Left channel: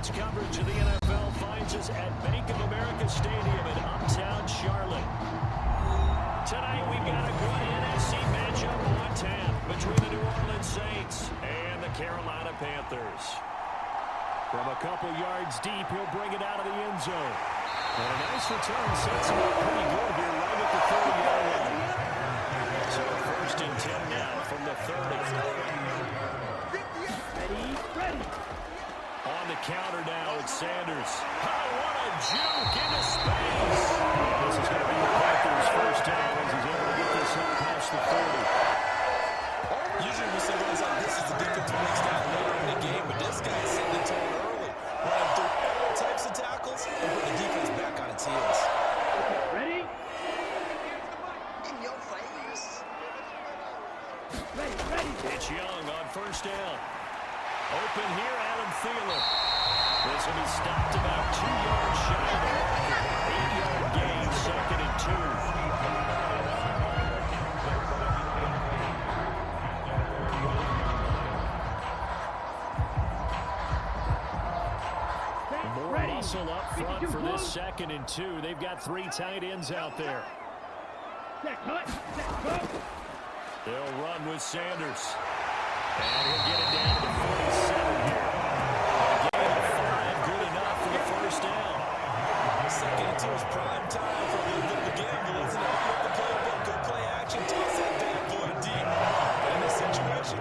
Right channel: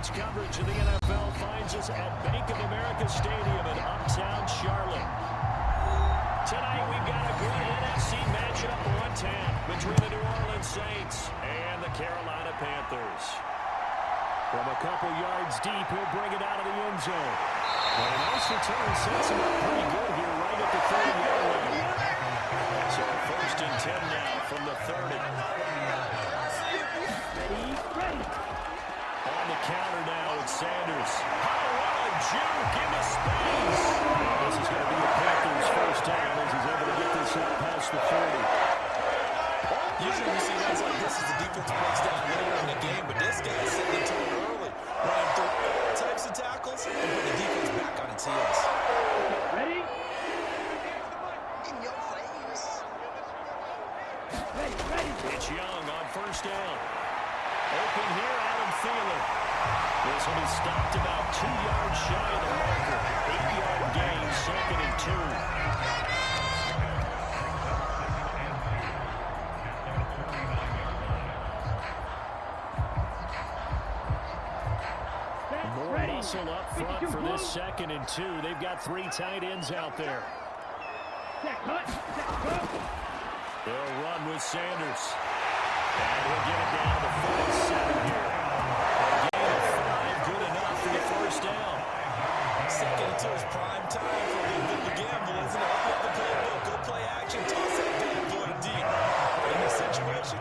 Sports coverage of the NFL finds us at Bank of America Stadium in uptown Charlotte. Tonight we've got a good NFC matchup on tap between the New Orleans Saints and the Carolina Panthers. From a couple yards deep, he'll bring it out of the end zone. And a nice return sets him up pretty good here right at the 30-yard line. So first and 10 now from the 30. Ready. On the counter now with Sanders. Oh, what a juke into space. And this is going to be a Panthers first down as he's able to get this up past the 40. Usually we see runs like this as the defense breaks down later in the game, but this guy's setting the tone early. Running through all types of tackles and put the defense back on its heels. Ready? In your face. Ready. It's Young on first down. Open here, Adam Thielen. This one is stopped about 2 yards shy of the marker. 8-yard gain, second and 2. More muscle up front for this second and 2. They've got 3 tight ends out there. Cut. They'll run with Sanders. And he'll get it down to the 47 here. A gain of 5, good enough for the first down. Second and 2 is prime time for a little bit of a gamble, isn't it? Open up the playbook, go play action, toss that bad boy deep. But in this situation,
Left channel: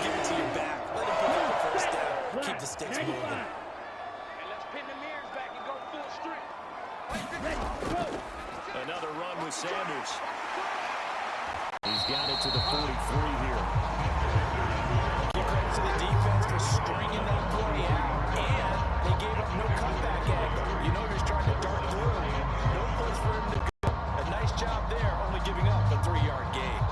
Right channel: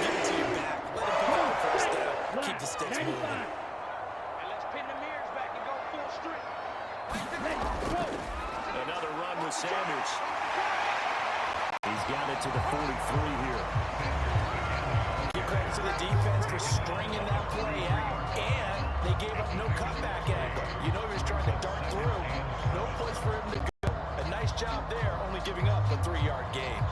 give it to your back. Let him pick up the first down. Keep the sticks moving. And let's pin the mirrors back and go full strength. Ready. Go. Another run with Sanders. He's got it to the 43 here. Give credit to the defense for stringing that play out, and they gave up no cutback angle. You know he was trying to dart through. No place for him to go. A nice job there, only giving up a 3-yard gain.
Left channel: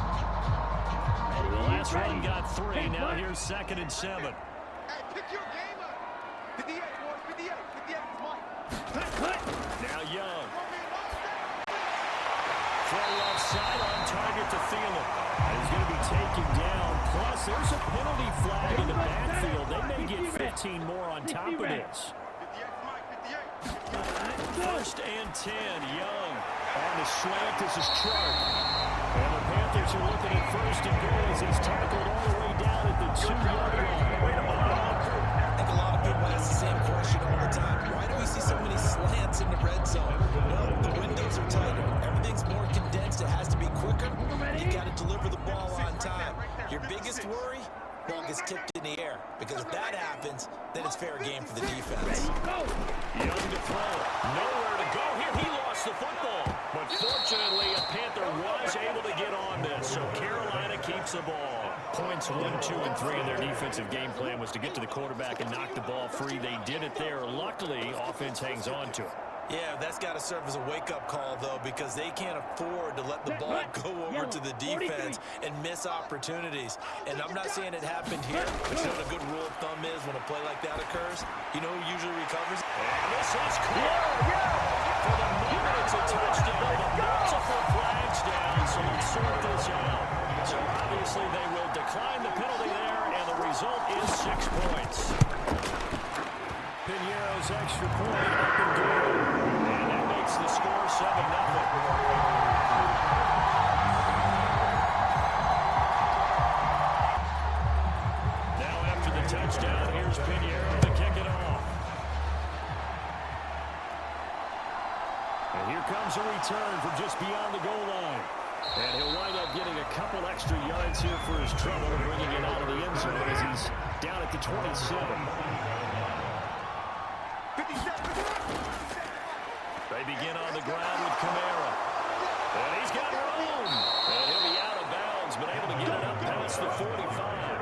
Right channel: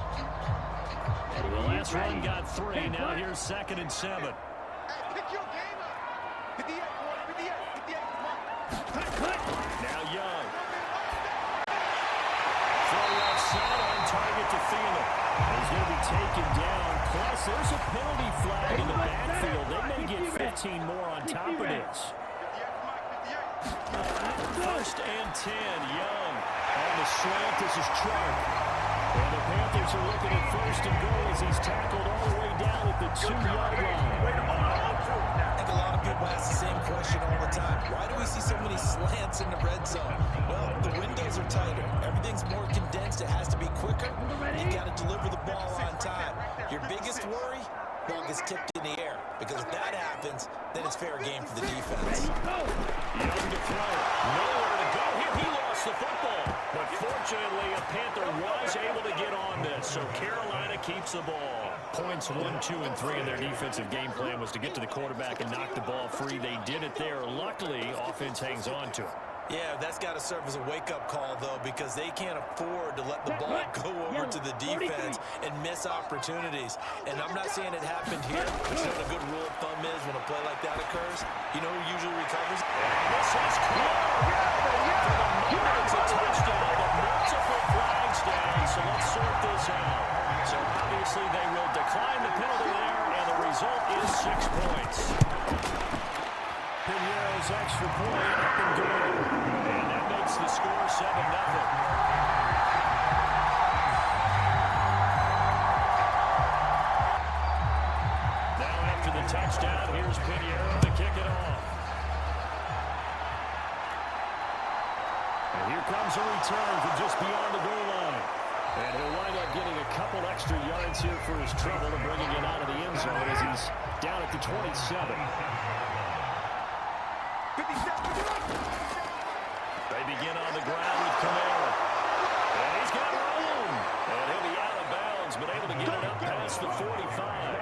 The last run got 3. Now here's second and 7. Hey, pick your game up. 58, boys. 58. 58, come on. Cut. Now Young. Throw left side on target to Thielen. He's going to be taken down. Plus, there's a penalty flag in the backfield. They may get 15 more on top of this. 58, First and 10. Young on the slant. This is Chark. And the Panthers are looking at first and goal as he's tackled all the way down at the 2-yard line. I think a lot of people ask the same question all the time. Why do we see so many slants in the red zone? Well, the windows are tighter. Everything's more condensed. It has to be quicker. You've got to deliver the ball on time. Your biggest worry? Ball gets tipped in the air. Because if that happens, then it's fair game for the defense. Young to throw. Nowhere to go here. He lost the football. But fortunately, a Panther was able to get on this. So Carolina keeps the ball. Points 1, 2, and 3 in their defensive game plan was to get to the quarterback and knock the ball free. They did it there. Luckily, offense hangs on to it. Yeah, that's got to serve as a wake-up call, though, because they can't afford to let the ball go over to the defense and miss opportunities. And I'm not saying it happened here, but you know what a good rule of thumb is when a play like that occurs? You know who usually recovers? And this is clear. For the moment, it's a touchdown, but multiple flags down, so let's sort this out. So obviously they will decline the penalty there, and the result is 6 points. Piñeiro's extra point up and good. And that makes the score 7-0. Now after the touchdown, here's Piñeiro to kick it off. And here comes a return from just beyond the goal line. And he'll wind up getting a couple extra yards here for his trouble and bringing it out of the end zone as he's down at the 27. They begin on the ground with Kamara. And he's got room. And he'll be out of bounds, but able to get it up past the 45.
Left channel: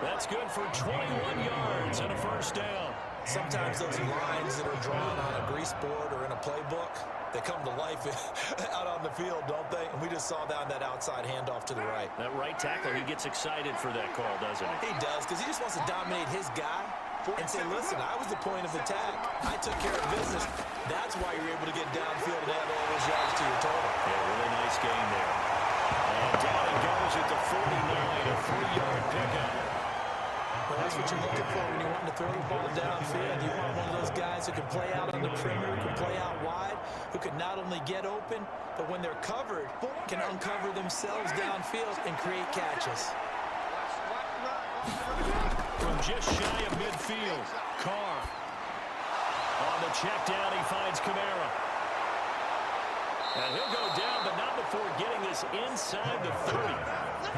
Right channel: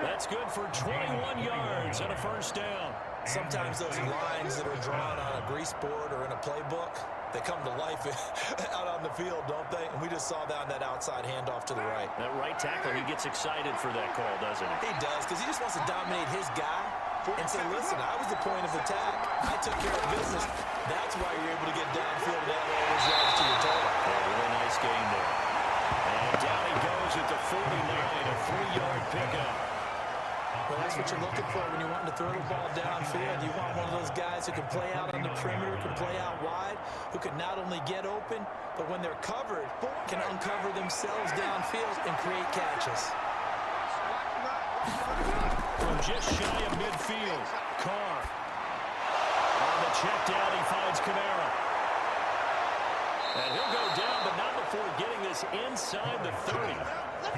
That's good for 21 yards and a first down. Sometimes those lines that are drawn on a grease board or in a playbook, they come to life out on the field, don't they? And we just saw that on that outside handoff to the right. That right tackle, he gets excited for that call, doesn't he? He does, because he just wants to dominate his guy and say, listen, I was the point of attack. I took care of business. That's why you're able to get downfield and add all those yards to your total. Yeah, really nice game there. And down he goes at the 49, a 3-yard pickup. Well, that's what you're looking for when you're wanting to throw the ball downfield. You want one of those guys who can play out on the perimeter, can play out wide, who can not only get open, but when they're covered, can uncover themselves downfield and create catches. From just shy of midfield, Carr. On the check down, he finds Kamara. And he'll go down, but not before getting this inside the 30.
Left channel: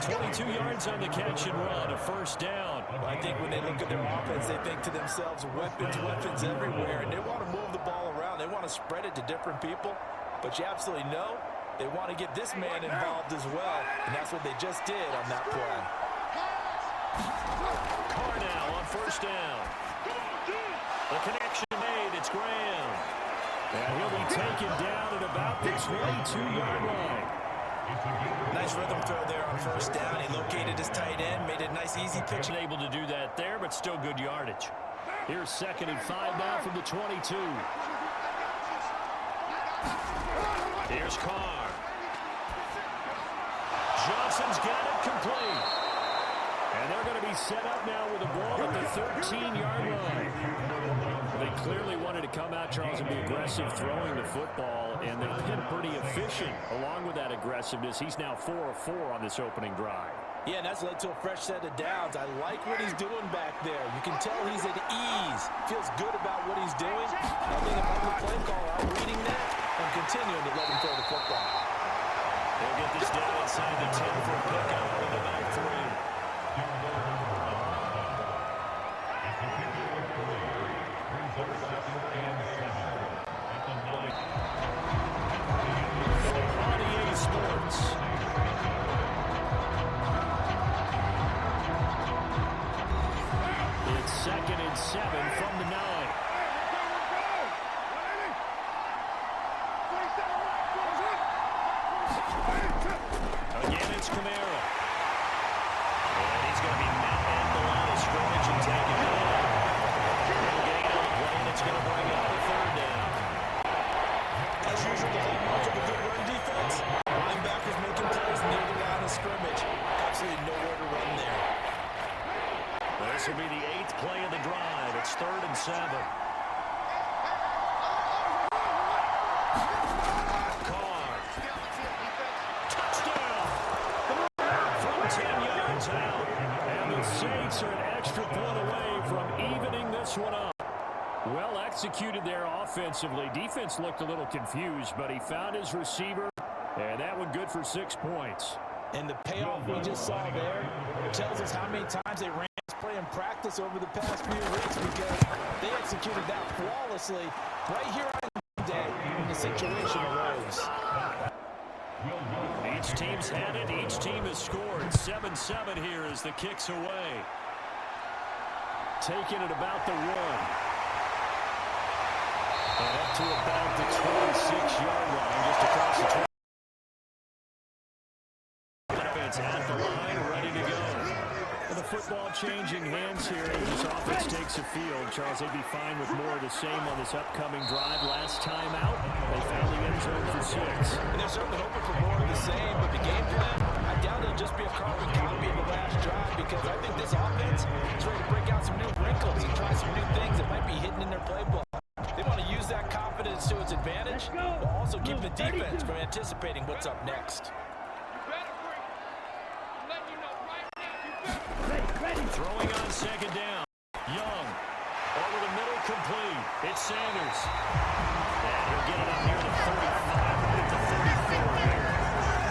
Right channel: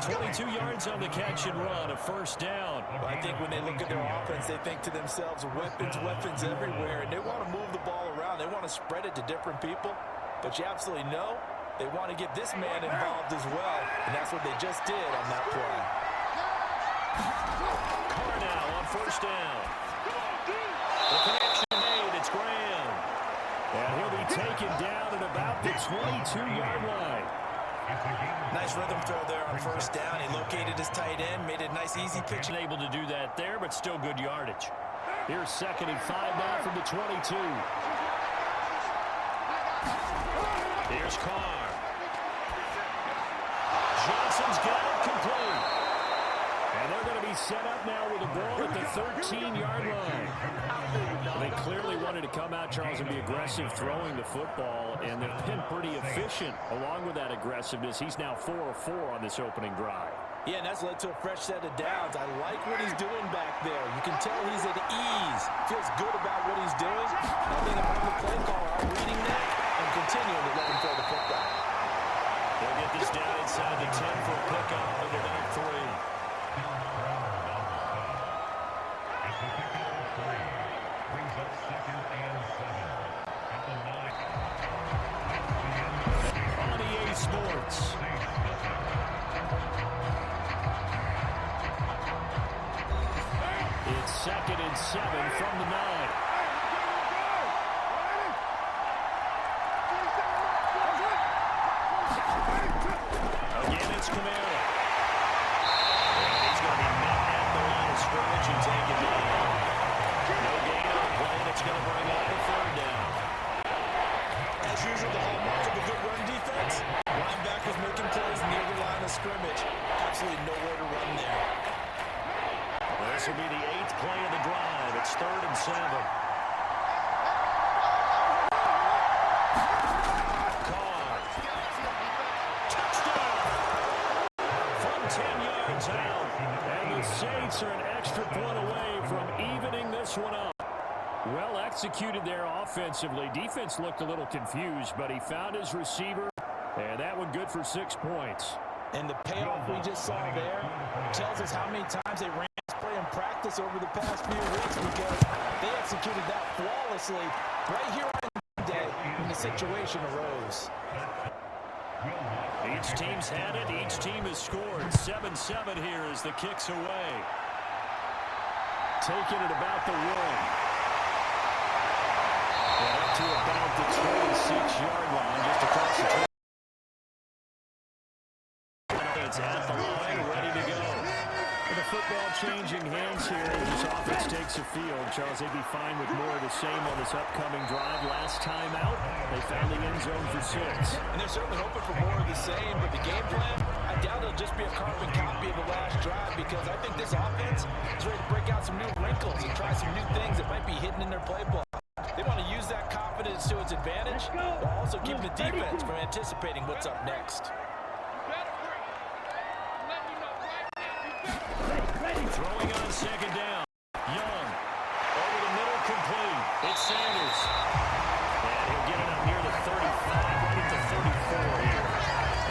22 yards on the catch and run, a first down. Well, I think when they look at their offense, they think to themselves, weapons, weapons everywhere, and they want to move the ball around. They want to spread it to different people, but you absolutely know they want to get this man involved as well, and that's what they just did on that play. Carr now on first down. The connection made, it's Graham. And he'll be taken down at about the 22-yard line. Nice rhythm throw there on first down. He located his tight end, made a nice easy pitch. Able to do that there, but still good yardage. Here's 2nd and 5 now from the 22. Here's Carr. Johnson's got it complete. And they're going to be set up now with the ball at the 13-yard line. They clearly wanted to come out, Charles, and be aggressive throwing the football, and they've been pretty efficient along with that aggressiveness. He's now 4 of 4 on this opening drive. Yeah, and that's led to a fresh set of downs. I like what he's doing back there. You can tell he's at ease. Feels good about what he's doing. I think if I'm the play caller, I'm reading that and continuing to let him throw the football. They'll get this down inside the 10 for a pickup of about 3. On EA Sports. It's 2nd and 7 from the 9. Again, it's Kamara. And he's going to be met at the line of scrimmage and taken down. No gain on the play, and it's going to bring up the 3rd down. As usual, the hallmark of a good run defense. Linebackers making plays near the line of scrimmage. Absolutely nowhere to run there. Well, this will be the 8th play of the drive. It's 3rd and 7. Carr. Touchdown! From 10 yards out. And the Saints are an extra point away from evening this one up. Well executed there offensively. Defense looked a little confused, but he found his receiver, and that one good for 6 points. And the payoff we just saw there tells us how many times they ran this play in practice over the past few weeks, because they executed that flawlessly right here on Monday when the situation arose. Each team's had it. Each team has scored. 7-7 here as the kick's away. Taking it about the 1. And up to about the 26-yard line, just across the 20. It's at the line, ready to go. With the football changing hands here as this offense takes the field. Charles, they'd be fine with more of the same on this upcoming drive. Last time out, they found the end zone for 6. And they're certainly hoping for more of the same, but the game plan, I doubt it'll just be a carbon copy of the last drive, because I think this offense is ready to break out some new wrinkles and try some new things that might be hidden in their playbook. They want to use that confidence to its advantage, while also keeping the defense from anticipating what's up next. Throwing on 2nd down. Young. Over the middle, complete. It's Sanders. And he'll get it up near the 35, right at the 34 here.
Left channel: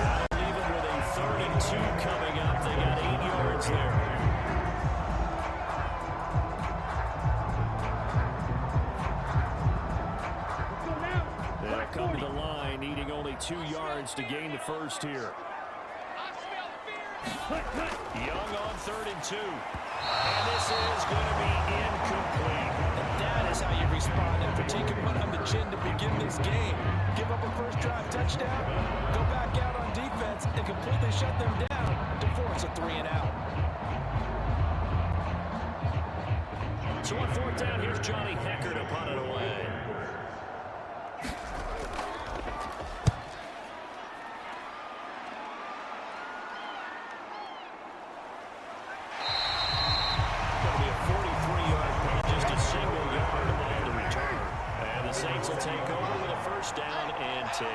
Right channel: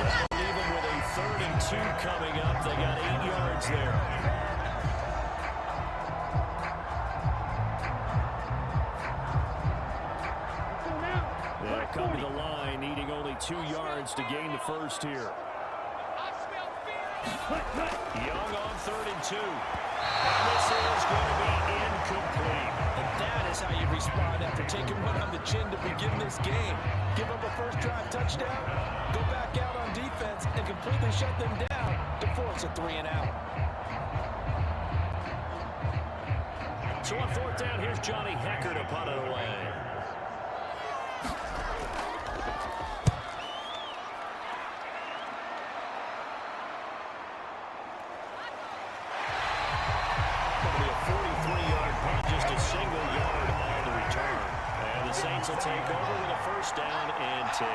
That'll leave him with a 3rd and 2 coming up. They got 8 yards there. They'll come to the line, needing only 2 yards to gain the first here. Young on 3rd and 2. And this is going to be incomplete. And that is how you respond after taking one on the chin to begin this game. Give up a first drive touchdown, go back out on defense, and completely shut them down to force a 3-and-out. So on 4th down, here's Johnny Hecker to punt it away. Panthers will take over with a first down and 10.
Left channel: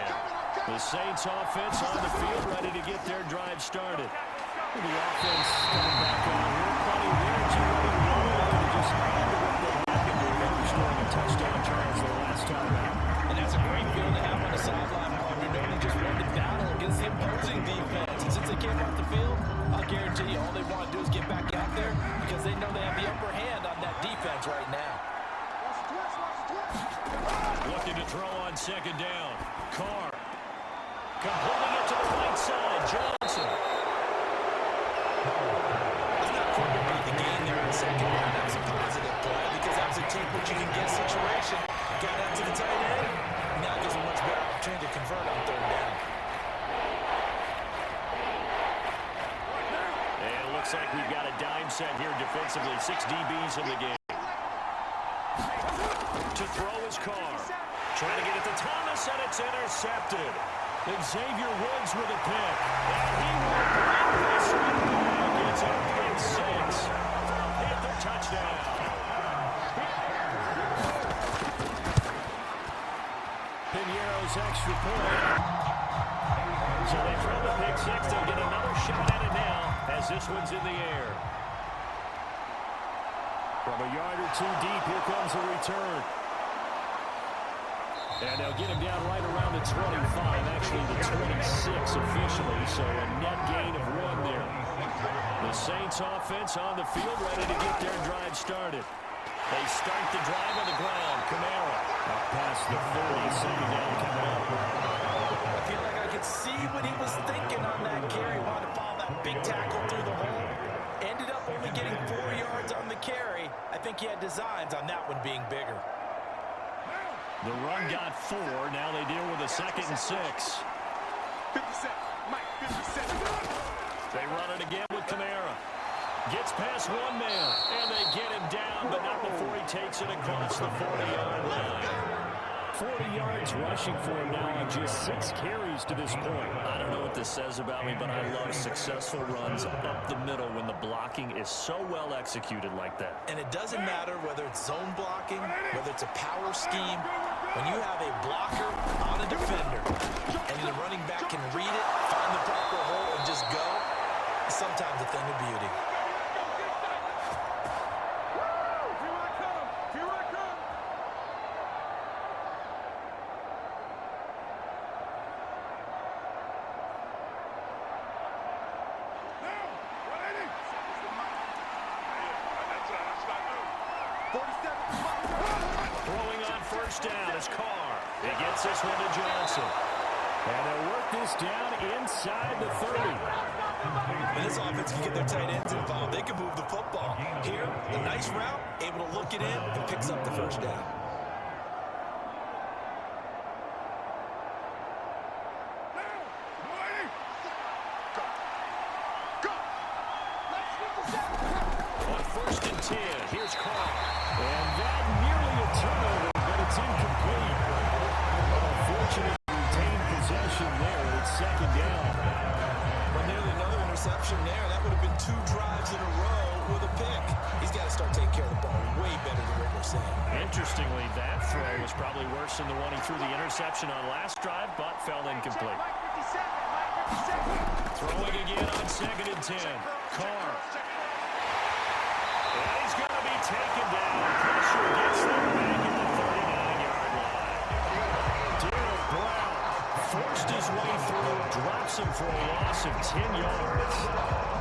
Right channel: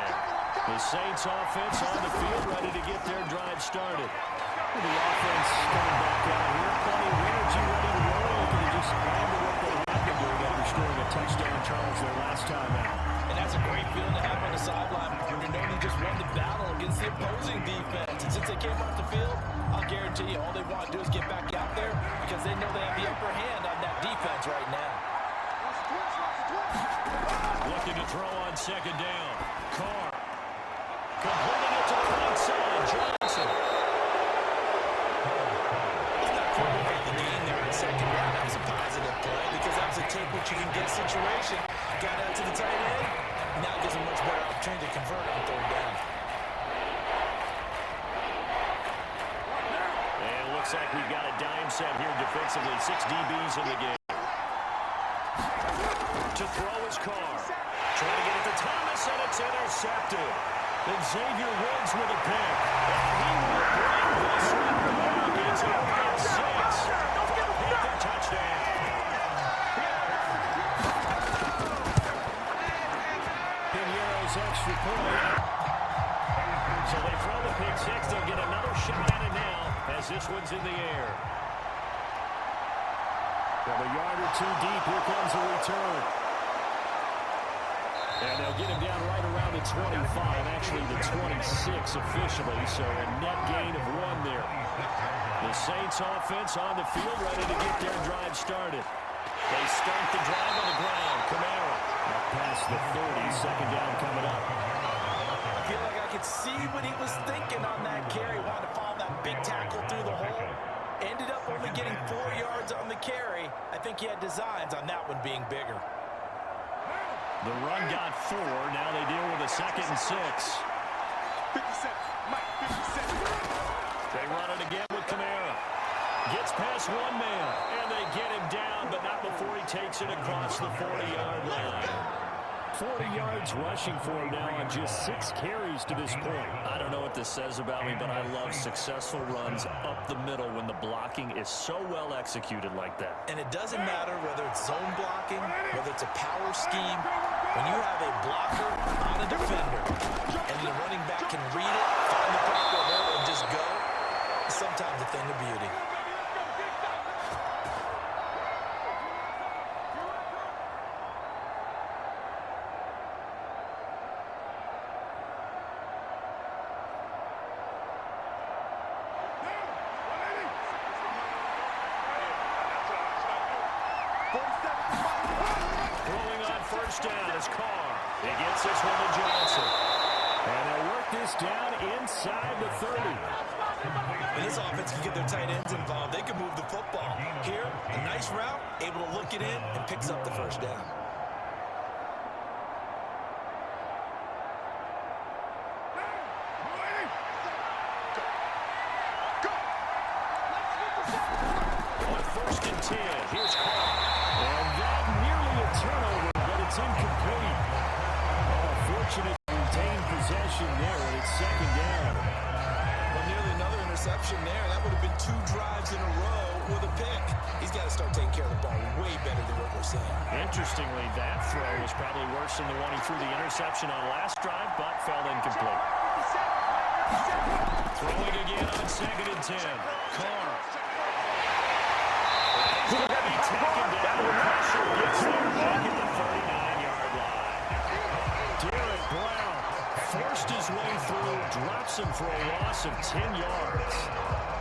The Saints offense on the field, ready to get their drive started. The offense coming back out here. Plenty of energy, ready to roll. Looking to just add to what they have been doing after scoring a touchdown, Charles, their last time out. And that's a great feeling to have on the sideline, partner, knowing they just won the battle against the opposing defense. And since they came off the field, I'll guarantee you all they want to do is get back out there because they know they have the upper hand on that defense right now. Looking to throw on second down. Carr. Completing it to the right side. Johnson. It's not quite about the game there on second down. That was a positive play because that was a take what you can get situation. Got out to the tight end. Now it gives them a much better opportunity to convert on third down. And it looks like we've got a dime set here defensively. 6 DBs in the game. To throw his Carr. Trying to get it to Thomas, and it's intercepted. And Xavier Woods with a pick. And he will bring this one back. It's up at 6. Panther touchdown. Piñeiro's extra point. So they throw the pick 6. They'll get another shot at it now as this one's in the air. From a yard or two deep, here comes a return. And they'll get him down right around the 25, actually the 26 officially, so a net gain of 1 there. The Saints offense on the field, ready to get their drive started. They start the drive on the ground. Kamara up past the 30, second down coming up. I feel like I could see what he was thinking on that carry. Wanted to follow that big tackle through the hole. Ended up only getting 4 yards on the carry. I think he had designs on that one being bigger. The run got 4. Now they deal with a 2nd and 6. 57. Mike, 57. They run it again with Kamara. Gets past one man, and they get him down, but not before he takes it across the 40-yard line. 40 yards rushing for him now on just 6 carries to this point. I don't know what this says about me, but I love successful runs up the middle when the blocking is so well executed like that. And it doesn't matter whether it's zone blocking, whether it's a power scheme. When you have a blocker on a defender and the running back can read it, find the proper hole, and just go, it's sometimes a thing of beauty. Throwing on first down is Carr. He gets this one to Johnson. And they'll work this down inside the 30. When this offense can get their tight ends involved, they can move the football. Here, a nice route, able to look it in, and picks up the first down. On first and 10, here's Carr. And that nearly a turnover, but it's incomplete. Oh, fortunate to retain possession there, and it's second down. But nearly another interception there. That would have been 2 drives in a row with a pick. He's got to start taking care of the ball way better than what we're seeing. Interestingly, that throw was probably worse than the one he threw the interception on last drive, but fell incomplete. Throwing again on second and 10. Carr. And he's going to be taken down. Pressure gets there back at the 39-yard line. Derek Brown forced his way through, drops him for a loss of 10 yards.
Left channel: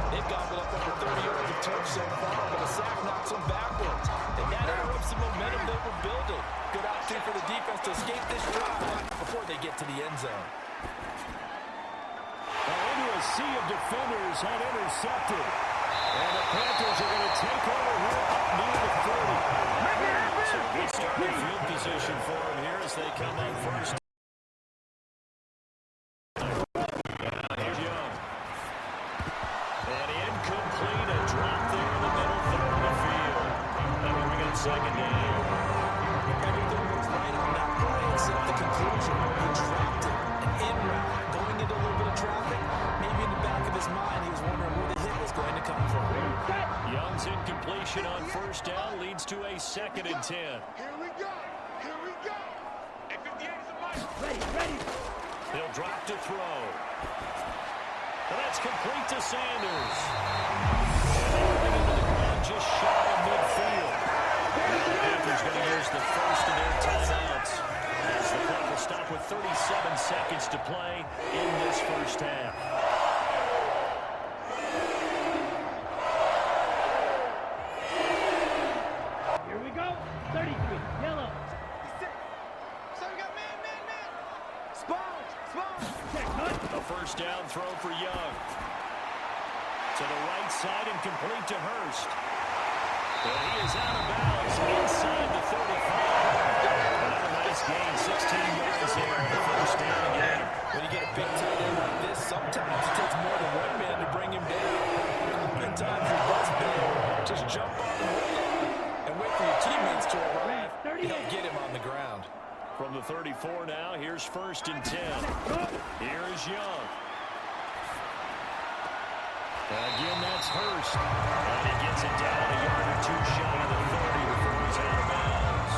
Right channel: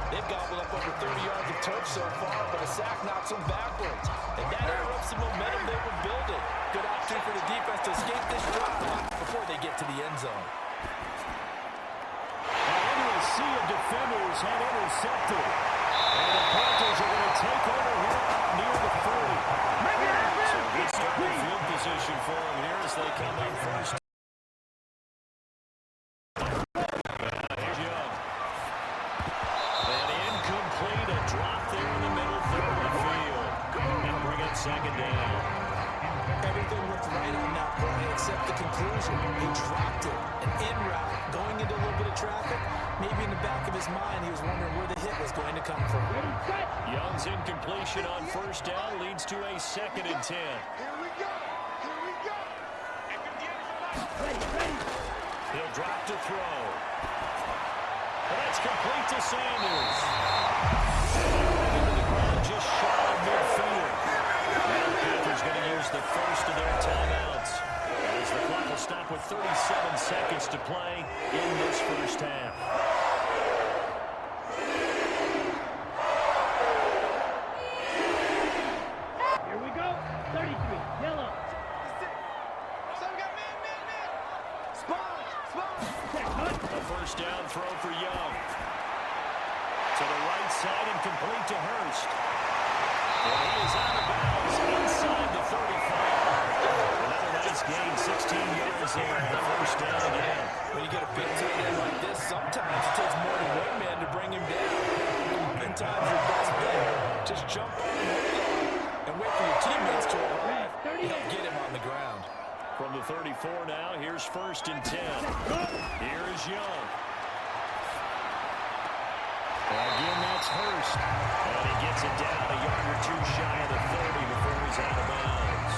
They've gobbled up over 30 yards of turf so far, but a sack knocks them backwards. And that interrupts the momentum they were building. Good opportunity for the defense to escape this drive before they get to the end zone. Into a sea of defenders and intercepted. And the Panthers are going to take over here up near the 40. So good starting field position for them here as they come up first. Here's Young. And incomplete, a drop there in the middle third of the field. That'll bring up second down. Everything looked right on that play except the conclusion. He dropped it, an in route, going into a little bit of traffic. Maybe in the back of his mind, he was wondering where the hit was going to come from. Young's incompletion on first down leads to a 2nd and 10. Here we go. Here we go. Hey, 58 is a mic. Ready, ready. He'll drop to throw. And that's complete to Sanders. And they bring him to the ground just shy of midfield. Now the Panthers going to use the first of their timeouts, as the clock will stop with 37 seconds to play in this first half. Here we go. 33, yellow. So we got man. Sponge. Check, cut. A first down throw for Young. To the right side and complete to Hurst. And he is out of bounds inside the 35. Another nice gain, 16 yards there, and a first down again. When you get a big tight end like this, sometimes it takes more than one man to bring him down. Oftentimes, your best bet, just jump on and hold on and wait for your teammates to arrive to help get him on the ground. From the 34 now, here's first and 10. Here is Young. Again, that's Hurst. And he gets it down a yard or two shy of the 30 before he's out of bounds.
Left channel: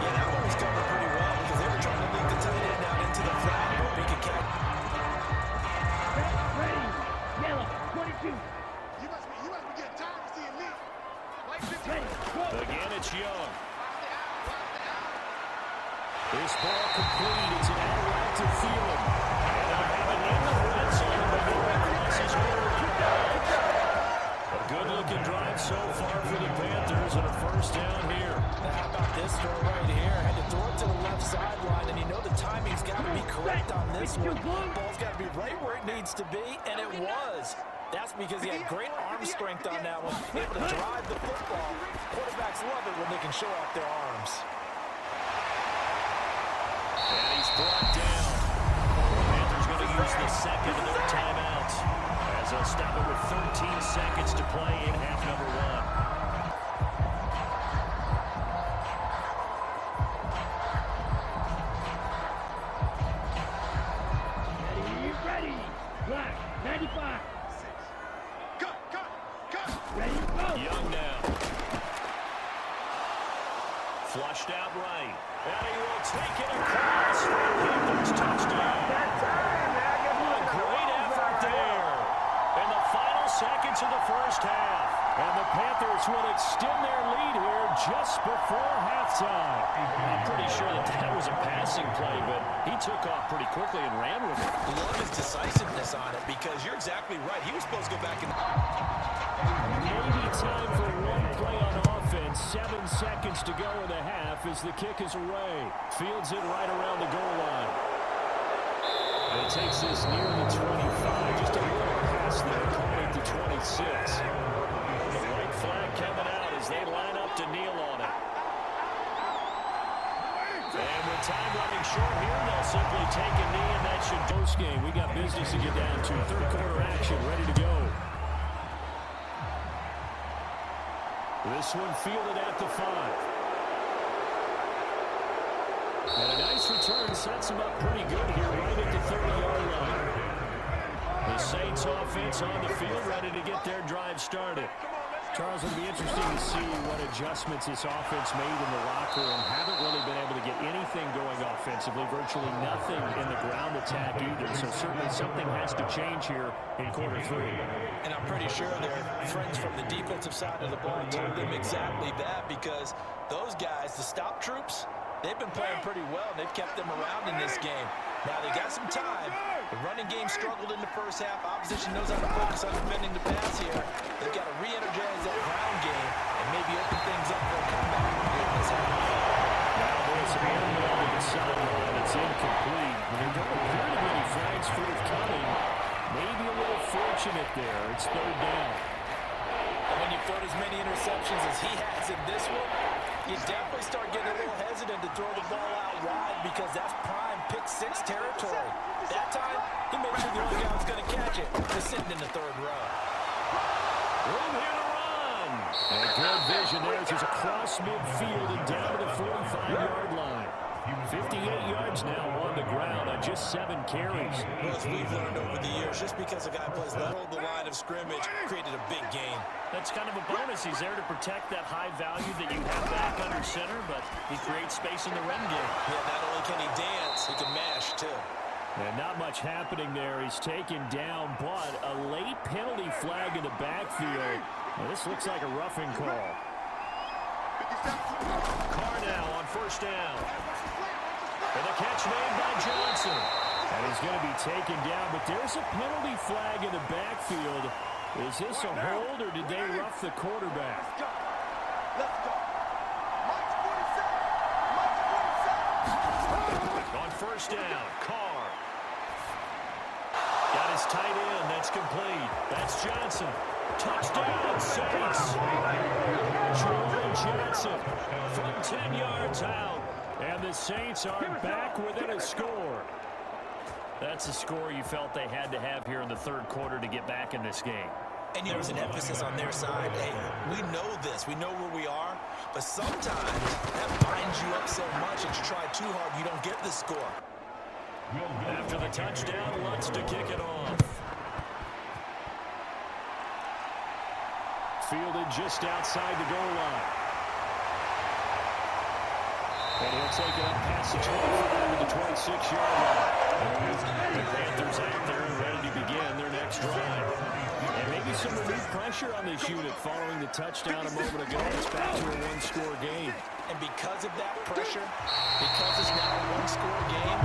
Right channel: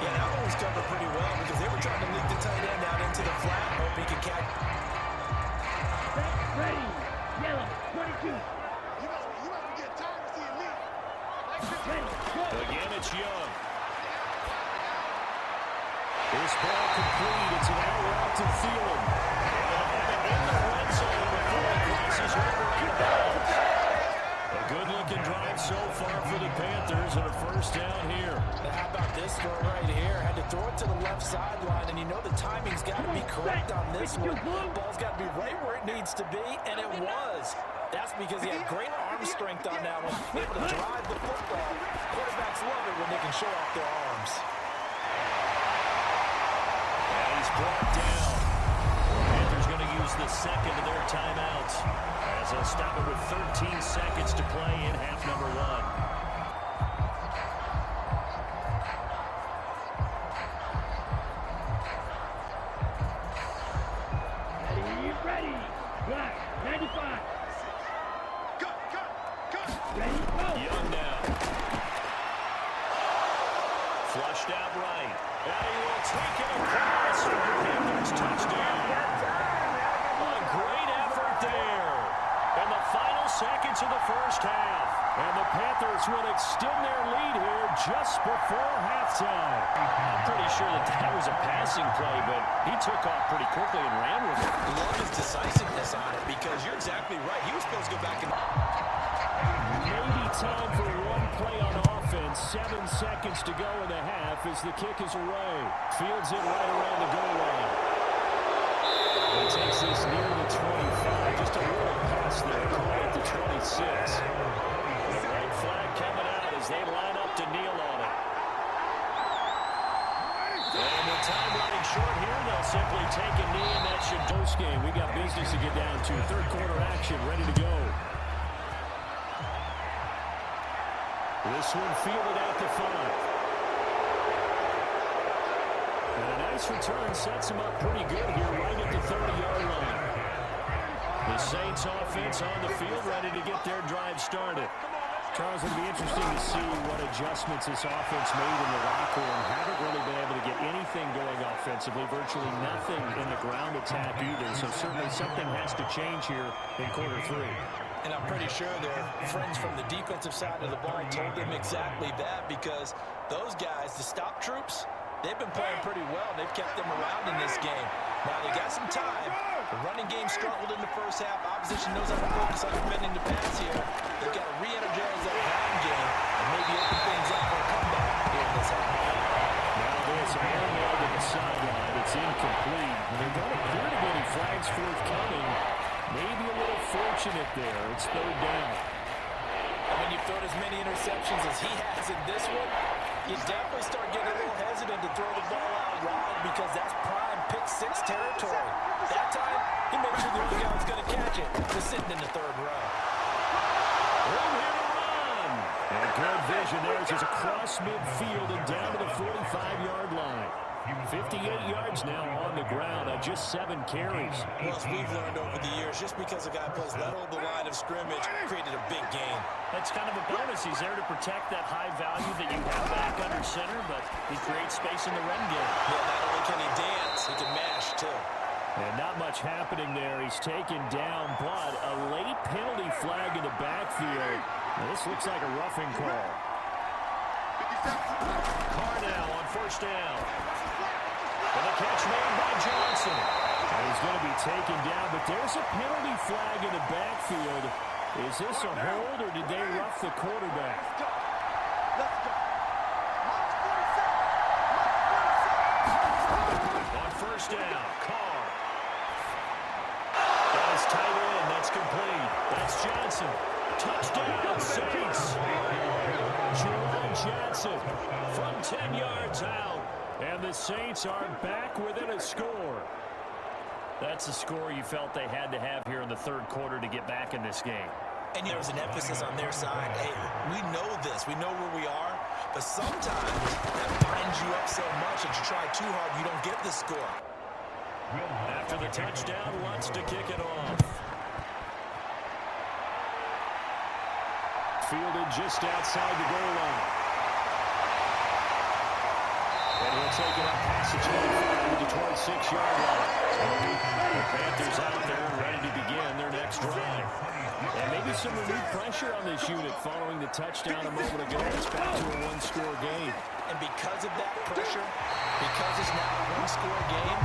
Yeah, that one was covered pretty well because they were trying to leak the tight end out into the flat and hope he could catch. Set, ready. Yellow, 22. You must be getting tired of seeing me. Like 50. Ready, go. Again, it's Young. Watch the out. This ball complete. It's an out route to Thielen. And they'll have it in the red zone before it crosses over out of bounds. A good-looking drive so far for the Panthers, and a first down here. Now, how about this throw right here? Had to throw it to the left sideline, and you know the timing's got to be correct on this one. Ball's got to be right where it needs to be, and it was. That's because he had great arm strength on that one, able to drive the football. Quarterbacks love it when they can show off their arms. And he's brought down. The Panthers going to use the second of their timeouts, as they'll stop it with 13 seconds to play in half number one. Ready. Black, 95. Cut. Ready, go. Young now. Flushed out right. And he will take it across for the Panthers touchdown. A great effort there in the final seconds of the first half. And the Panthers will extend their lead here just before halftime. I'm pretty sure that was a passing play, but he took off pretty quickly and ran with it. Love his decisiveness on it because you're exactly right. He was supposed to go back and... Maybe time for one play on offense. 7 seconds to go in the half as the kick is away. Fields it right around the goal line. And he takes this near the 25. Just a little pass there. Call it the 26. The white flag coming out as they line up to kneel on it. And with time running short here, they'll simply take a knee, and that should post game. We got business to get down to. Third quarter action ready to go. This one fielded at the 5. And a nice return sets him up pretty good here right at the 30-yard line. The Saints offense on the field ready to get their drive started. Charles, it'll be interesting to see what adjustments this offense made in the locker room. Haven't really been able to get anything going offensively, virtually nothing in the ground attack either. So certainly something has to change here in quarter 3. And I'm pretty sure their friends from the defensive side of the ball told them exactly that because those guys, the stop troops, they've been playing pretty well, and they've kept them around in this game. Now, they got some time. The running game struggled in the first half. Opposition knows how to focus on defending the pass here. They've got to re-energize that ground game and maybe open things up for a comeback here in this half. Now there's an airmail to the sideline. It's incomplete. There don't appear to be any flags forthcoming. Maybe a little fortunate there. It's third down. And when you've thrown as many interceptions as he has in this one, you definitely start getting a little hesitant to throw the ball out wide because that's prime pick-6 territory. That time, he made sure the other guy was going to catch it. Just sitting in the third row. Room here to run. And good vision there as he's across midfield and down to the 45-yard line. 58 yards now on the ground on just 7 carries. Well, as we've learned over the years, just because a guy plays level the line of scrimmage created a big gain. That's kind of a bonus. He's there to protect that high value that you have back under center, but he creates space in the run game. Yeah, not only can he dance, he can mash, too. And not much happening there. He's taken down, but a late penalty flag in the backfield. Now, this looks like a roughing call. Carr now on first down. And the catch made by Johnson. And he's going to be taken down, but there's a penalty flag in the backfield. Is this a hold, or did they rough the quarterback? Let's go. Mike's 47. On first down, Carr. Got his tight end. That's complete. That's Johnson. Touchdown, Saints. Juwan Johnson from 10 yards out. And the Saints are back within a score. That's a score you felt they had to have here in the third quarter to get back in this game. And there was an emphasis on their side. Hey, we know this. We know where we are. But sometimes that binds you up so much that you try too hard, you don't get the score. After the touchdown, Lutz to kick it off. Fielded just outside the goal line. And he'll take it up past the 25 to the 26-yard line. The Panthers out there and ready to begin their next drive. And maybe some renewed pressure on this unit following the touchdown a moment ago. It's back to a one-score game. And because of that pressure, because it's now a one-score game,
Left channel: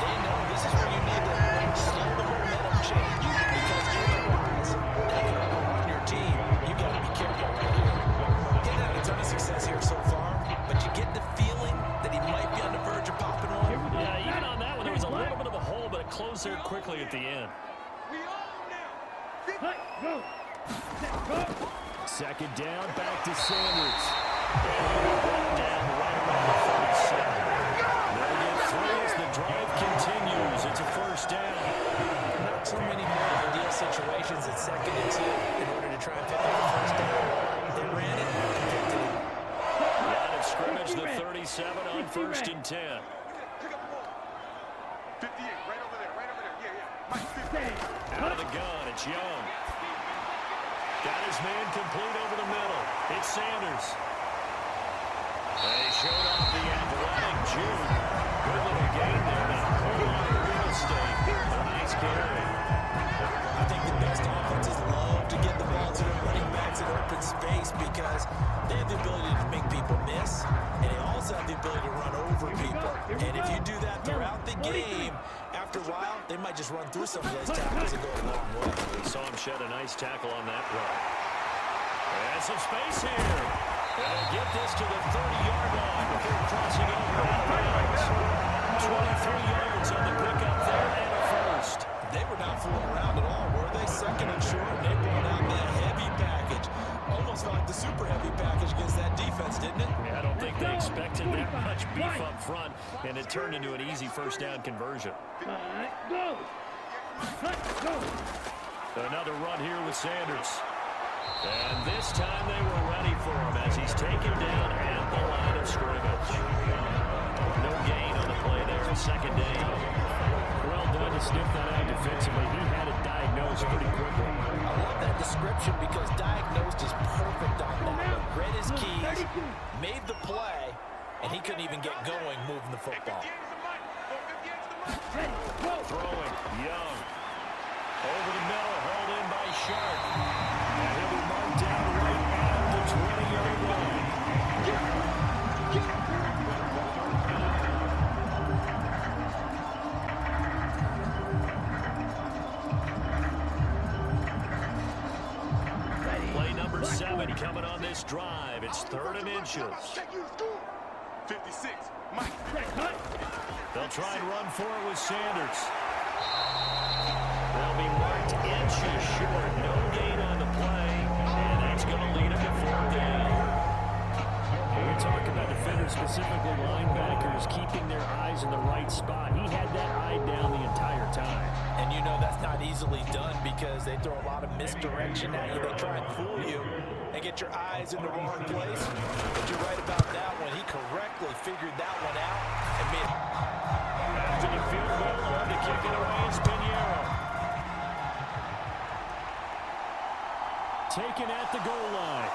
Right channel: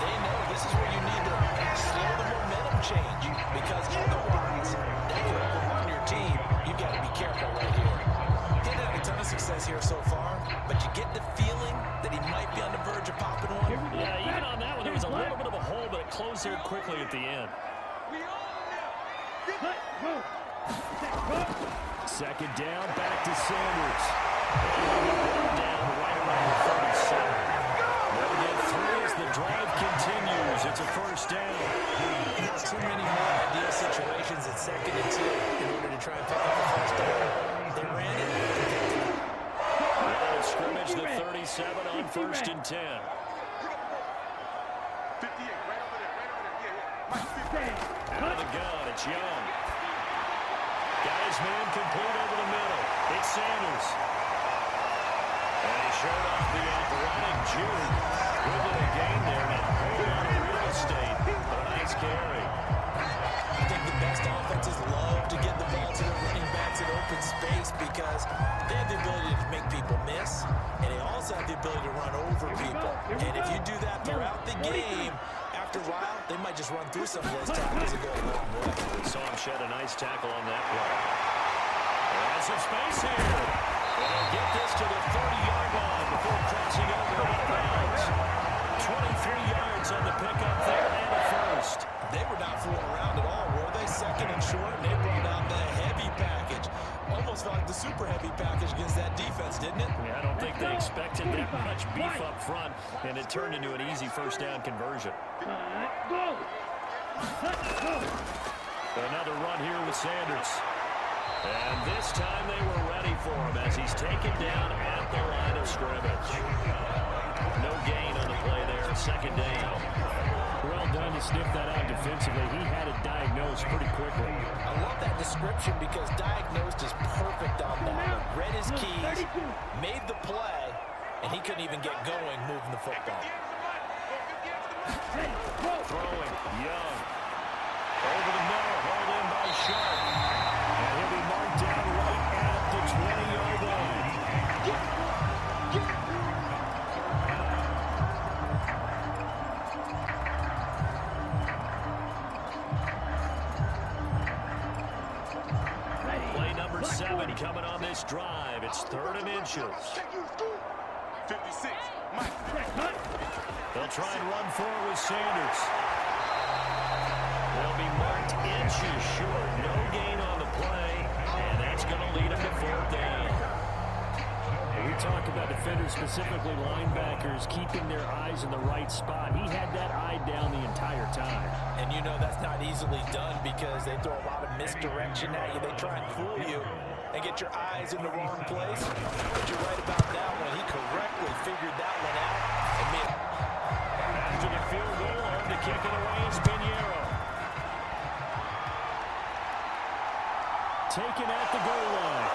they know this is where you need to slow the momentum change. Because otherwise, that can overrun your team. You've got to be careful right here. He's had a ton of success here so far, but you get the feeling that he might be on the verge of popping one. Yeah, even on that one, there was a little bit of a hole, but it closed there quickly at the end. Second down, back to Sanders. And he'll be brought down right around the 37. They'll get 3 as the drive continues. It's a first down. Not too many more ideal situations at 2nd and 2 in order to try and pick up the first down. They ran it and picked it up. Line of scrimmage, the 37 on 1st and 10. Pick up the ball. 58, right over there, Yeah. Mike, 50. Out of the gun, it's Young. Got his man complete over the middle. It's Sanders. And he showed off the athletic juke. Good little gain there. Not a whole lot of real estate, but a nice carry. I think the best offenses love to get the ball to their running backs in open space because they have the ability to make people miss, and they also have the ability to run over people. And if you do that throughout the game, after a while, they might just run through some of those tackles and go a long way. We saw him shed a nice tackle on that play. And some space here. And he'll get this to the 30-yard line before crossing over out of bounds. 23 yards on the pickup there and a first. They were not fooling around at all, were they? 2nd and short, and they brought out the heavy package. Almost felt like the super heavy package against that defense, didn't it? Yeah, I don't think they expected that much beef up front, and it turned into an easy first down conversion. Go! Another run here with Sanders. And this time they were ready for him as he's taken down at the line of scrimmage. No gain on the play there, 2nd down. Well done to sniff that out defensively. He had it diagnosed pretty quickly. I love that description because diagnosed is perfect on that one. Read his keys, made the play, and he couldn't even get going moving the football. Throwing, Young. Over the middle, hauled in by Shark. And he'll be marked down right at the 20-yard line. Play number 7 coming on this drive. It's 3rd and inches. 56, Mike. They'll try and run for it with Sanders. They'll be marked inches short. No gain on the play, and that's going to lead them to 4th down. We talk about defenders, specifically linebackers, keeping their eyes in the right spot. He had that eye down the entire time. And you know that's not easily done because they throw a lot of misdirection at you. They try and fool you and get your eyes in the wrong place. But you're right about that one. He correctly figured that one out and made it. taken at the goal line.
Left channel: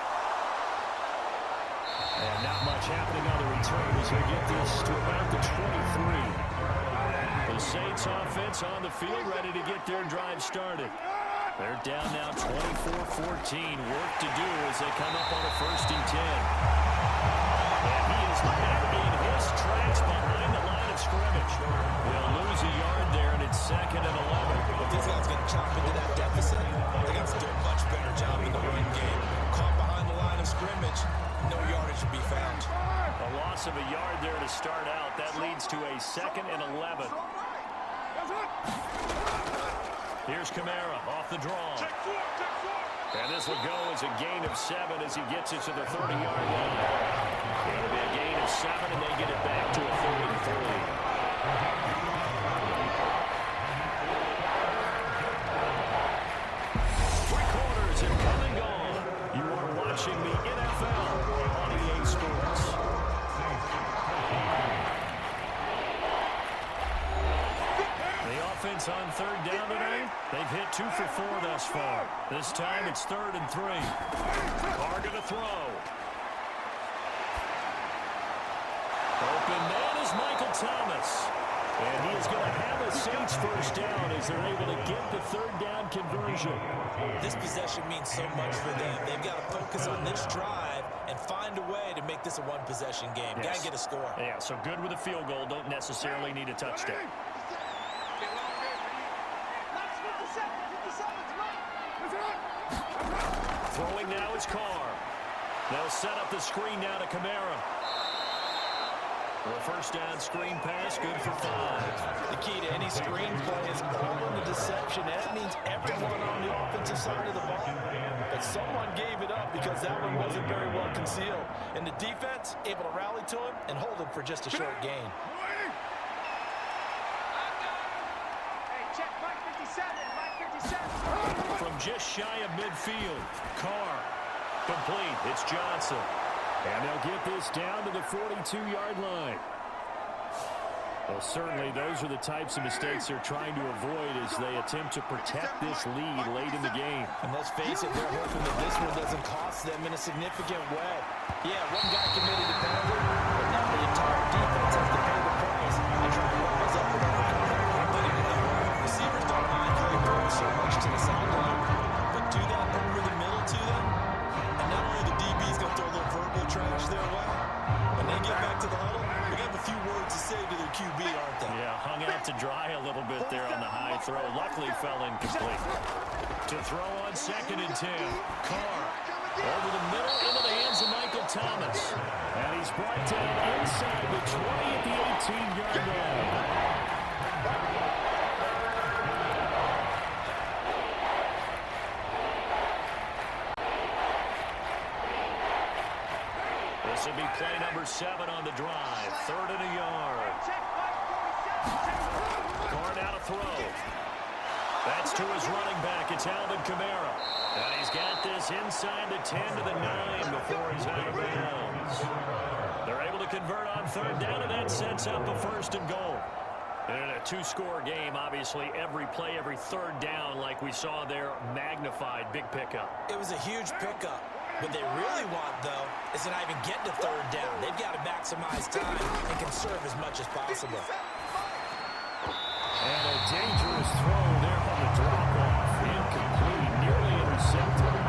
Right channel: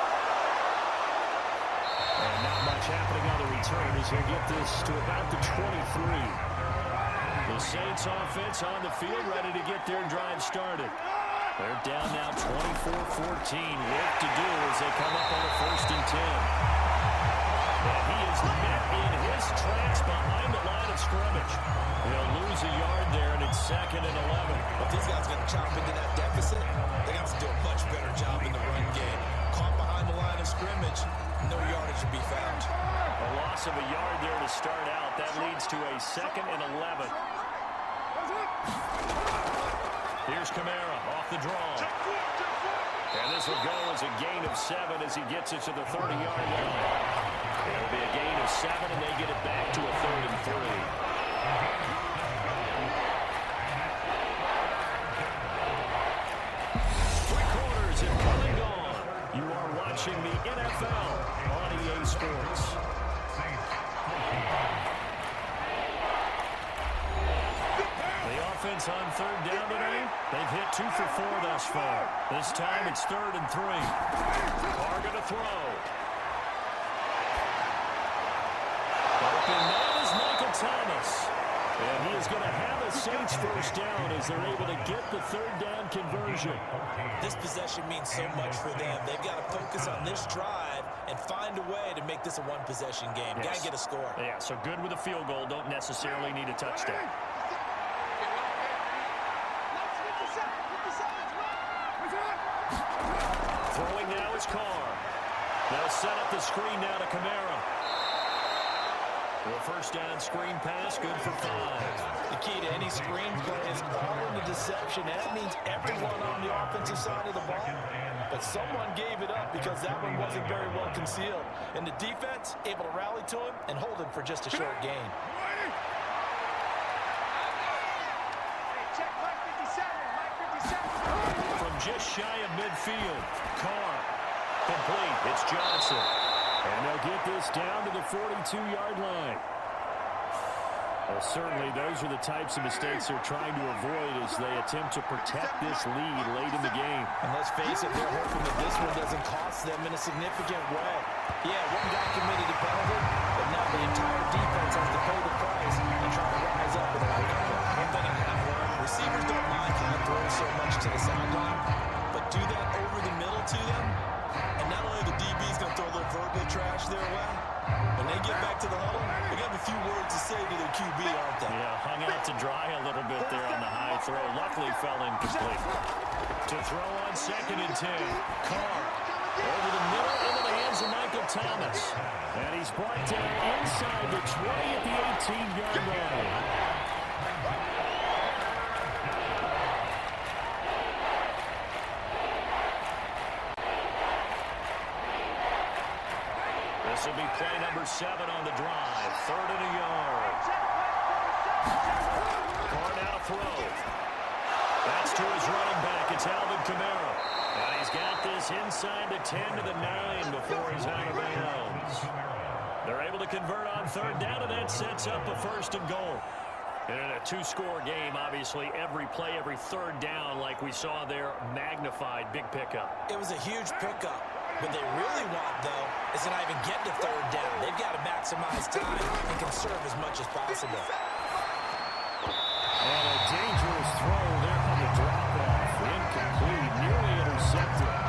And not much happening on the return as they get this to about the 23. The Saints offense on the field ready to get their drive started. They're down now 24-14. Work to do as they come up on a 1st and 10. And he is met in his tracks behind the line of scrimmage. He'll lose a yard there, and it's 2nd and 11. If these guys going to chop into that deficit, they got to do a much better job in the run game. Caught behind the line of scrimmage, no yardage to be found. A loss of a yard there to start out. That leads to a 2nd and 11. Here's Kamara off the draw. And this will go as a gain of 7 as he gets it to the 30-yard line. It'll be a gain of 7, and they get it back to a 3rd and 3. Three-quarters and come and gone. You are watching the NFL on EA Sports. The offense on 3rd down tonight, they've hit 2 for 4 thus far. This time it's 3rd and 3. Carr going to throw. Open man is Michael Thomas. And he is going to have a Saints 1st down as they're able to get the 3rd down conversion. This possession means so much for them. They've got to focus on this drive and find a way to make this a one-possession game. Yes. Got to get a score. Yeah, so good with a field goal. Don't necessarily need a touchdown. Throwing now is Carr. They'll set up the screen now to Kamara. The 1st down screen pass, good for 5. The key to any screen play is all in the deception. And that means everyone on the offensive side of the ball. But someone gave it up because that one wasn't very well concealed. And the defense able to rally to him and hold him for just a short gain. Check Mike 57, Mike 57. From just shy of midfield, Carr. Complete, it's Johnson. And they'll get this down to the 42-yard line. Well, certainly those are the types of mistakes they're trying to avoid as they attempt to protect this lead late in the game. And let's face it, they're hoping that this one doesn't cost them in a significant way. Yeah, one guy committed a penalty, but now the entire defense has to pay the price and try to rise up and overcome it. One thing I have learned, receivers don't mind high throws so much to the sideline, but do that over the middle to them, and not only the DB's going to throw a little verbal trash their way, when they get back to the huddle, they have a few words to say to their QB, aren't they? Yeah, hung out to dry a little bit there on the high throw. Luckily fell incomplete. To throw on 2nd and 10. Carr over the middle into the hands of Michael Thomas. And he's brought down inside the 20 at the 18-yard line. This will be play number 7 on the drive. 3rd and a yard. Carr now to throw. That's to his running back. It's Alvin Kamara. And he's got this inside the 10 to the 9 before he's out of bounds. They're able to convert on 3rd down, and that sets up a 1st and goal. And in a 2-score game, obviously, every play, every 3rd down, like we saw there, magnified. Big pickup. It was a huge pickup. What they really want, though, is to not even get to 3rd down. They've got to maximize time and conserve as much as possible. And a dangerous throw there on the drop-off. Incomplete, nearly intercepted.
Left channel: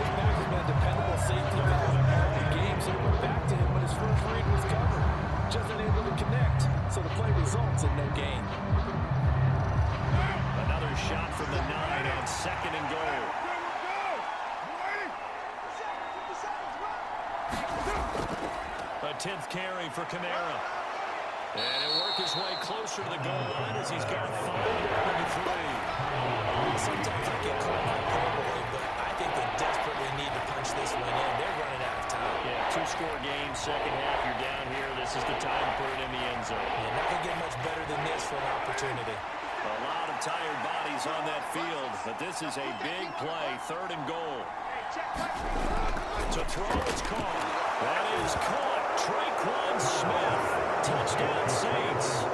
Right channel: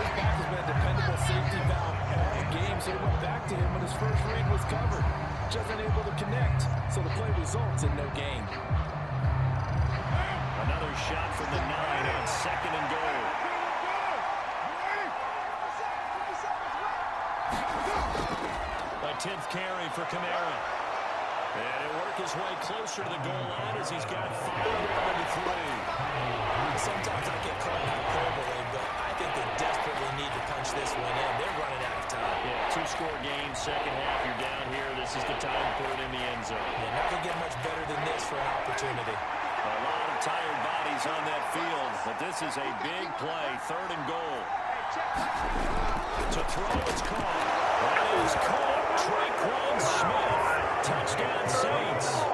This back has been a dependable safety valve all game, so he went back to him when his first read was covered. Just unable to connect, so the play results in no gain. Another shot from the 9 on 2nd and goal. A 10th carry for Kamara. And he'll work his way closer to the goal line as he's got 5 out of the 3. Sometimes I get caught in hyperbole, but I think they desperately need to punch this one in. They're running out of time. Yeah, 2-score game, second half, you're down here. This is the time to put it in the end zone. And not going to get much better than this for an opportunity. A lot of tired bodies on that field, but this is a big play, 3rd and goal. To throw, it's caught. That is caught. Traquan Smith. Touchdown, Saints.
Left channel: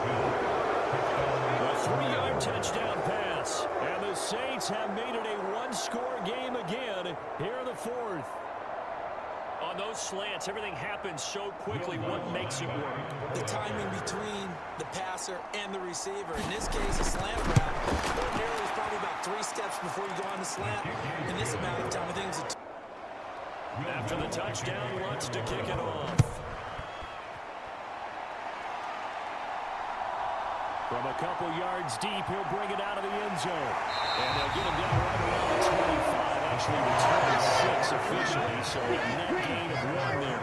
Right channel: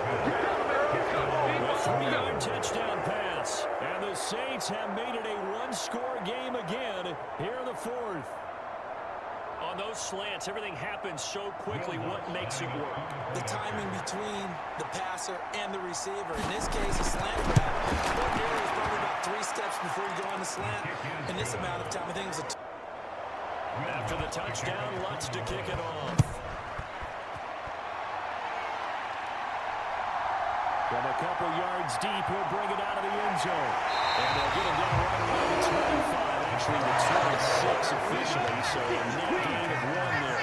A 3-yard touchdown pass. And the Saints have made it a one-score game again here in the fourth. On those slants, everything happens so quickly. What makes it work? The timing between the passer and the receiver. In this case, a slant route. Ordinarily, it's probably about 3 steps before you go on the slant. In this amount of time, I think it's a After the touchdown, Lutz to kick it off. From a couple yards deep, he'll bring it out of the end zone. And they'll get him down right around the 25, actually the 26 officially, so a net gain of 1 there.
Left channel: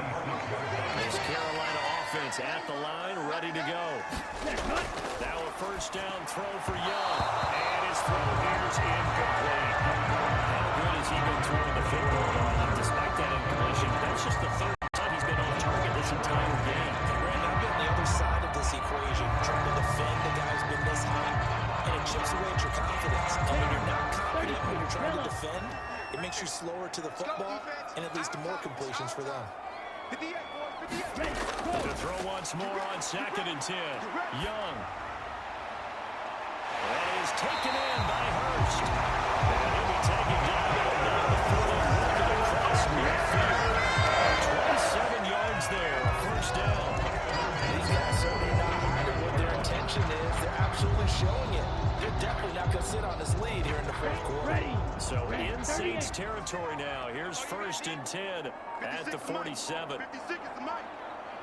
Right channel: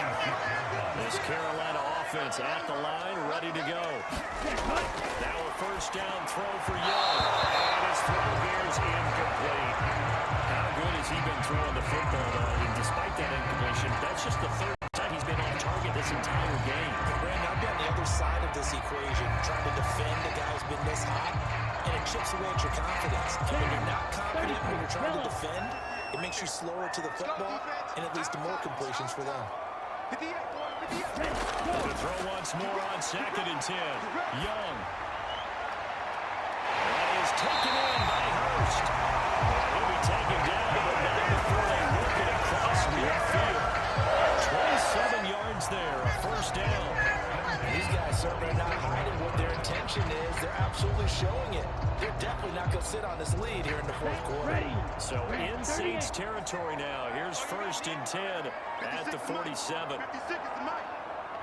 This Carolina offense at the line, ready to go. Now a first down throw for Young. And his throw here's incomplete. How good has he been throwing the football, though? And despite that incompletion, that's just the 3rd time he's been off target this entire game. Brandon, I've been on the other side of this equation, trying to defend a guy who's been this hot, and it chips away at your confidence. And when you're not confident when you're trying to defend, it makes you slower to the football and it leads to more completions for them. 58, boys, 58. The throw once more on 2nd and 10. Young. That is taken in by Hurst. And he'll be taken down, but not before they work it across midfield. 27 yards there, a first down. These guys certainly not hiding what their intention is. They're absolutely showing it. They're definitely not going to sit on this lead here in the 4th quarter. So in Saints territory now. Here's 1st and 10 at the 47. 56 is the mic.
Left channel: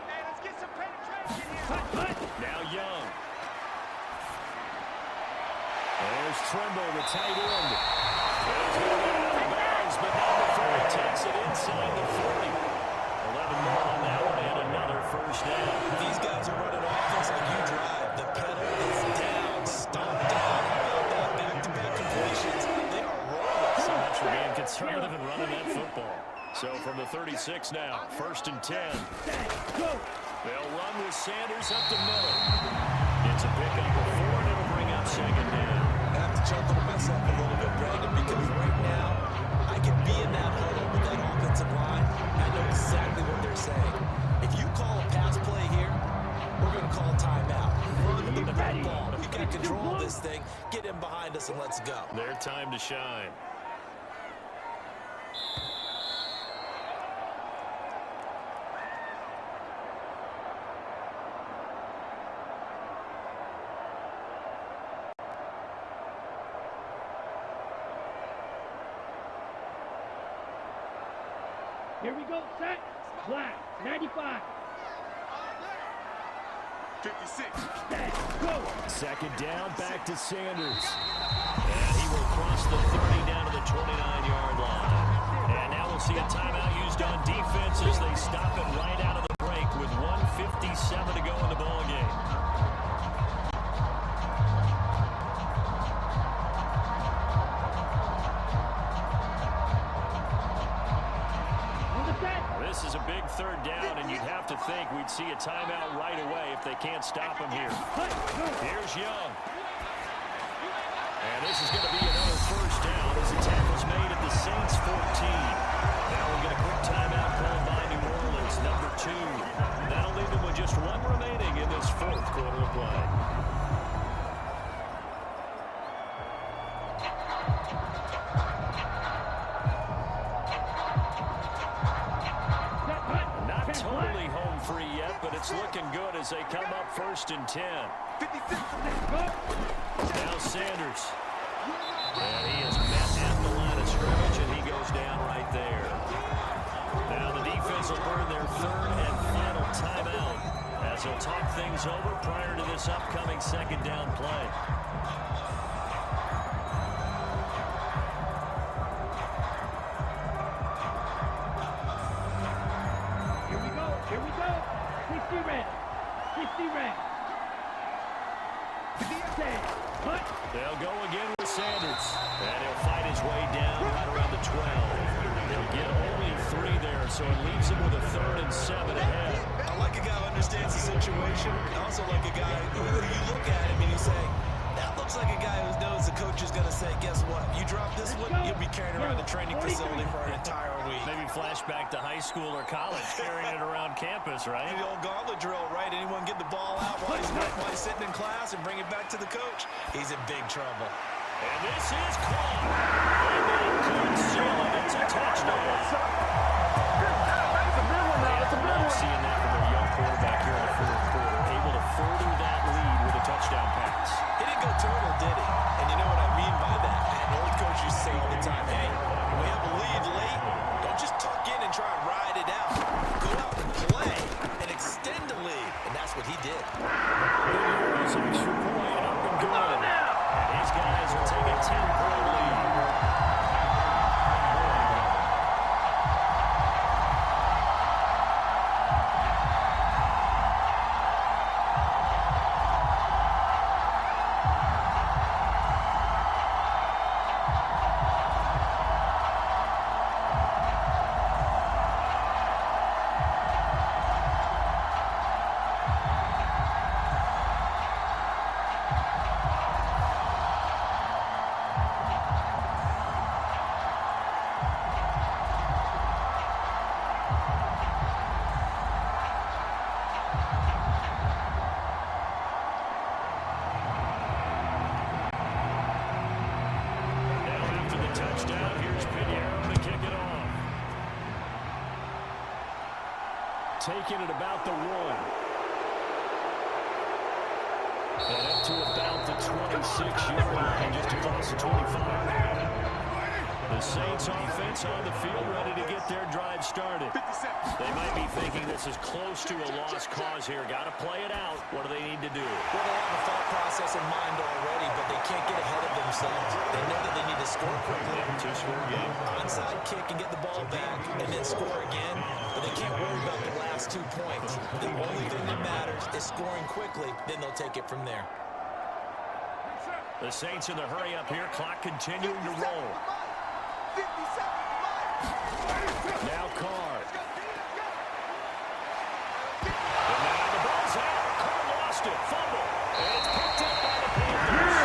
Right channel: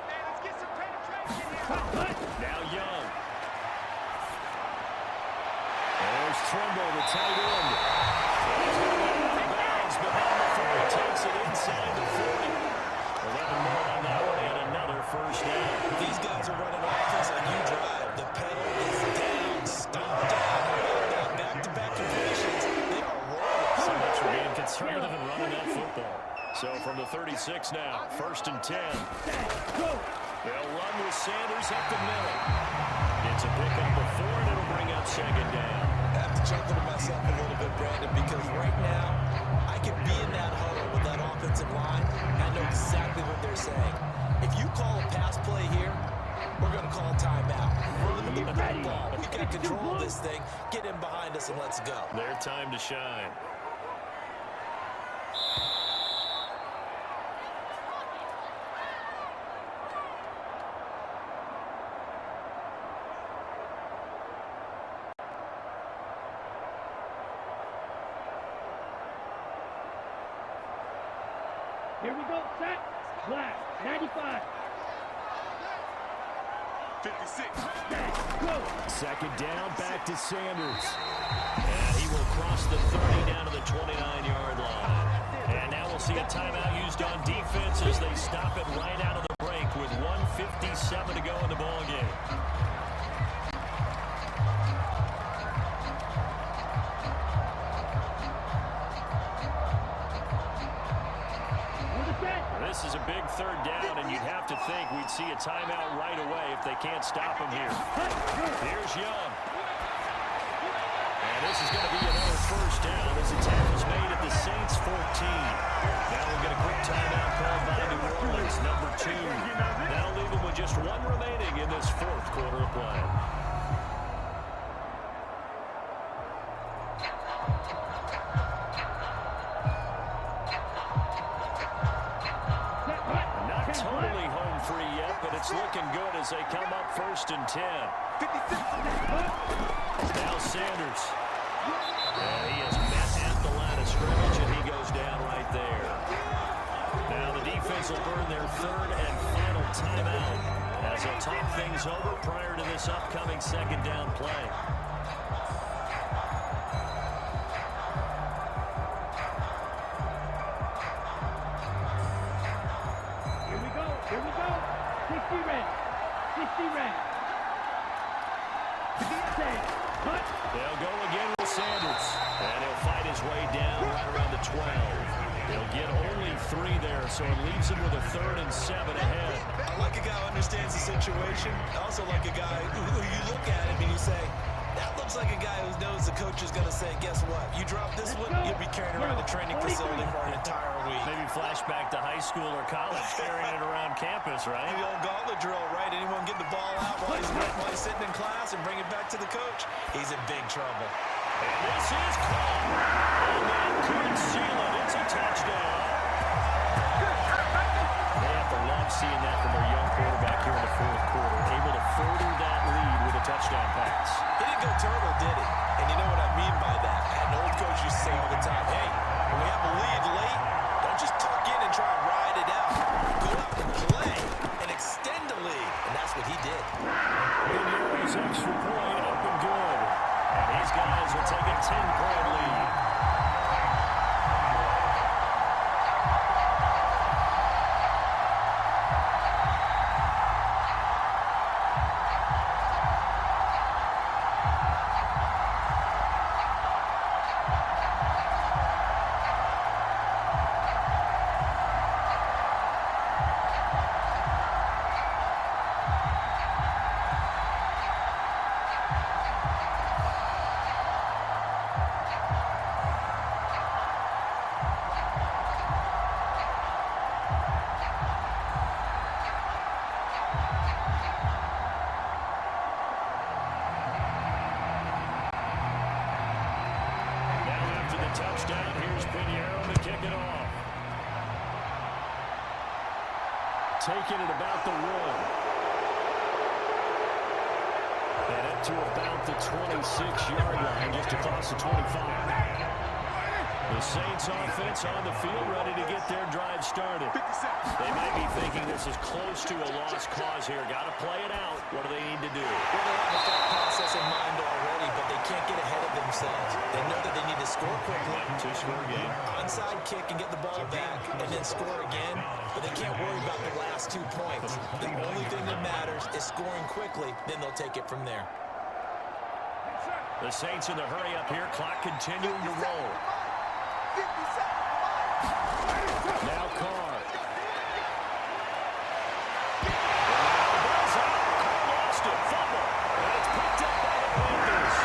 Hey, let's get some penetration here. Now Young. There's Trimble, the tight end. And he's going to get out of bounds, but not before he takes it inside the 40. 11 more on that one, and another first down. These guys are running offense like you drive. The pedal is down, stomped down. How about that? Back-to-back completions. They are rolling. So much for being conservative and running that football. So from the 36 now, 1st and 10. They'll run with Sanders up the middle. It's a pickup of 4, and it'll bring up 2nd down. I have to chuckle to myself a little bit, Brandon, because right now I can be in that huddle with that offensive line. I know exactly what they're saying. If you call a pass play here, we're going to call a timeout. Run the football. We've got control of this thing. Get in behind us and let's go. Their time to shine. Here we go, set, black, 95. 56. Set, go. 2nd down, back to Sanders. And he will cross the 30 down to the 29-yard line. And now we'll see a timeout used on defense as they stop it right out of the break with 1:57 to go in the ball game. This is a big 3rd down, and you'd have to think we'd see a timeout right away if they can't stop him here. Here's Young. And this is going to be another first down as the tackle's made at the Saints 14. Now we'll get a quick timeout called by New Orleans, number 2. That'll leave them with just 1 remaining in this 4th quarter of play. Not totally home free yet, but it's looking good as they come up 1st and 10. 56. Now Sanders. And he is met at the line of scrimmage, and he goes down right there. Now the defense will burn their 3rd and final timeout as they'll talk things over prior to this upcoming 2nd down play. Here we go. 60 red. 60 red. They'll go again with Sanders. And he'll fight his way down right around the 12. They'll get only 3 there, so it leaves him with a 3rd and 7 ahead. I like a guy who understands the situation. I also like a guy who you look at him and you say, that looks like a guy who knows the coach is going to say, guess what? You drop this one, you'll be carrying around the training facility for an entire week. Maybe flashback to high school or college, carrying it around campus, right? The old gauntlet drill, right? Anyone get the ball out while he's snap while he's sitting in class and bring it back to the coach, he's in big trouble. And this is caught. And that could seal it. It's a touchdown. They have to love seeing that from their young quarterback here in the fourth quarter, able to further that lead with a touchdown pass. He didn't go turtle, did he? And you know what I mean by that. I had an old coach used to say all the time, hey, when we have a lead late, don't just tuck in and try and ride it out. Go out and play and extend the lead. And that's what he did. Pinheiro's extra point up and good. And his guys will take a 10-point lead. Touchdown. Here's Pinheiro to kick it off. Taking it about the 1. And up to about the 26-yard line, just across the 25. The Saints offense on the field, ready to get their drive started. They might be thinking this is close to a lost cause here. Got to play it out. What do they need to do? Well, they have a thought process in mind already, but they can't get ahead of themselves. They know that they need to score quickly. Two-score game. Onside kick and get the ball back and then score again, but they can't worry about the last 2 points. The only thing that matters is scoring quickly, then they'll take it from there. The Saints in the hurry up here. Clock continuing to roll. Now Carr. And now the ball's out. Carr lost it. Fumble. And it's picked up by the Panthers.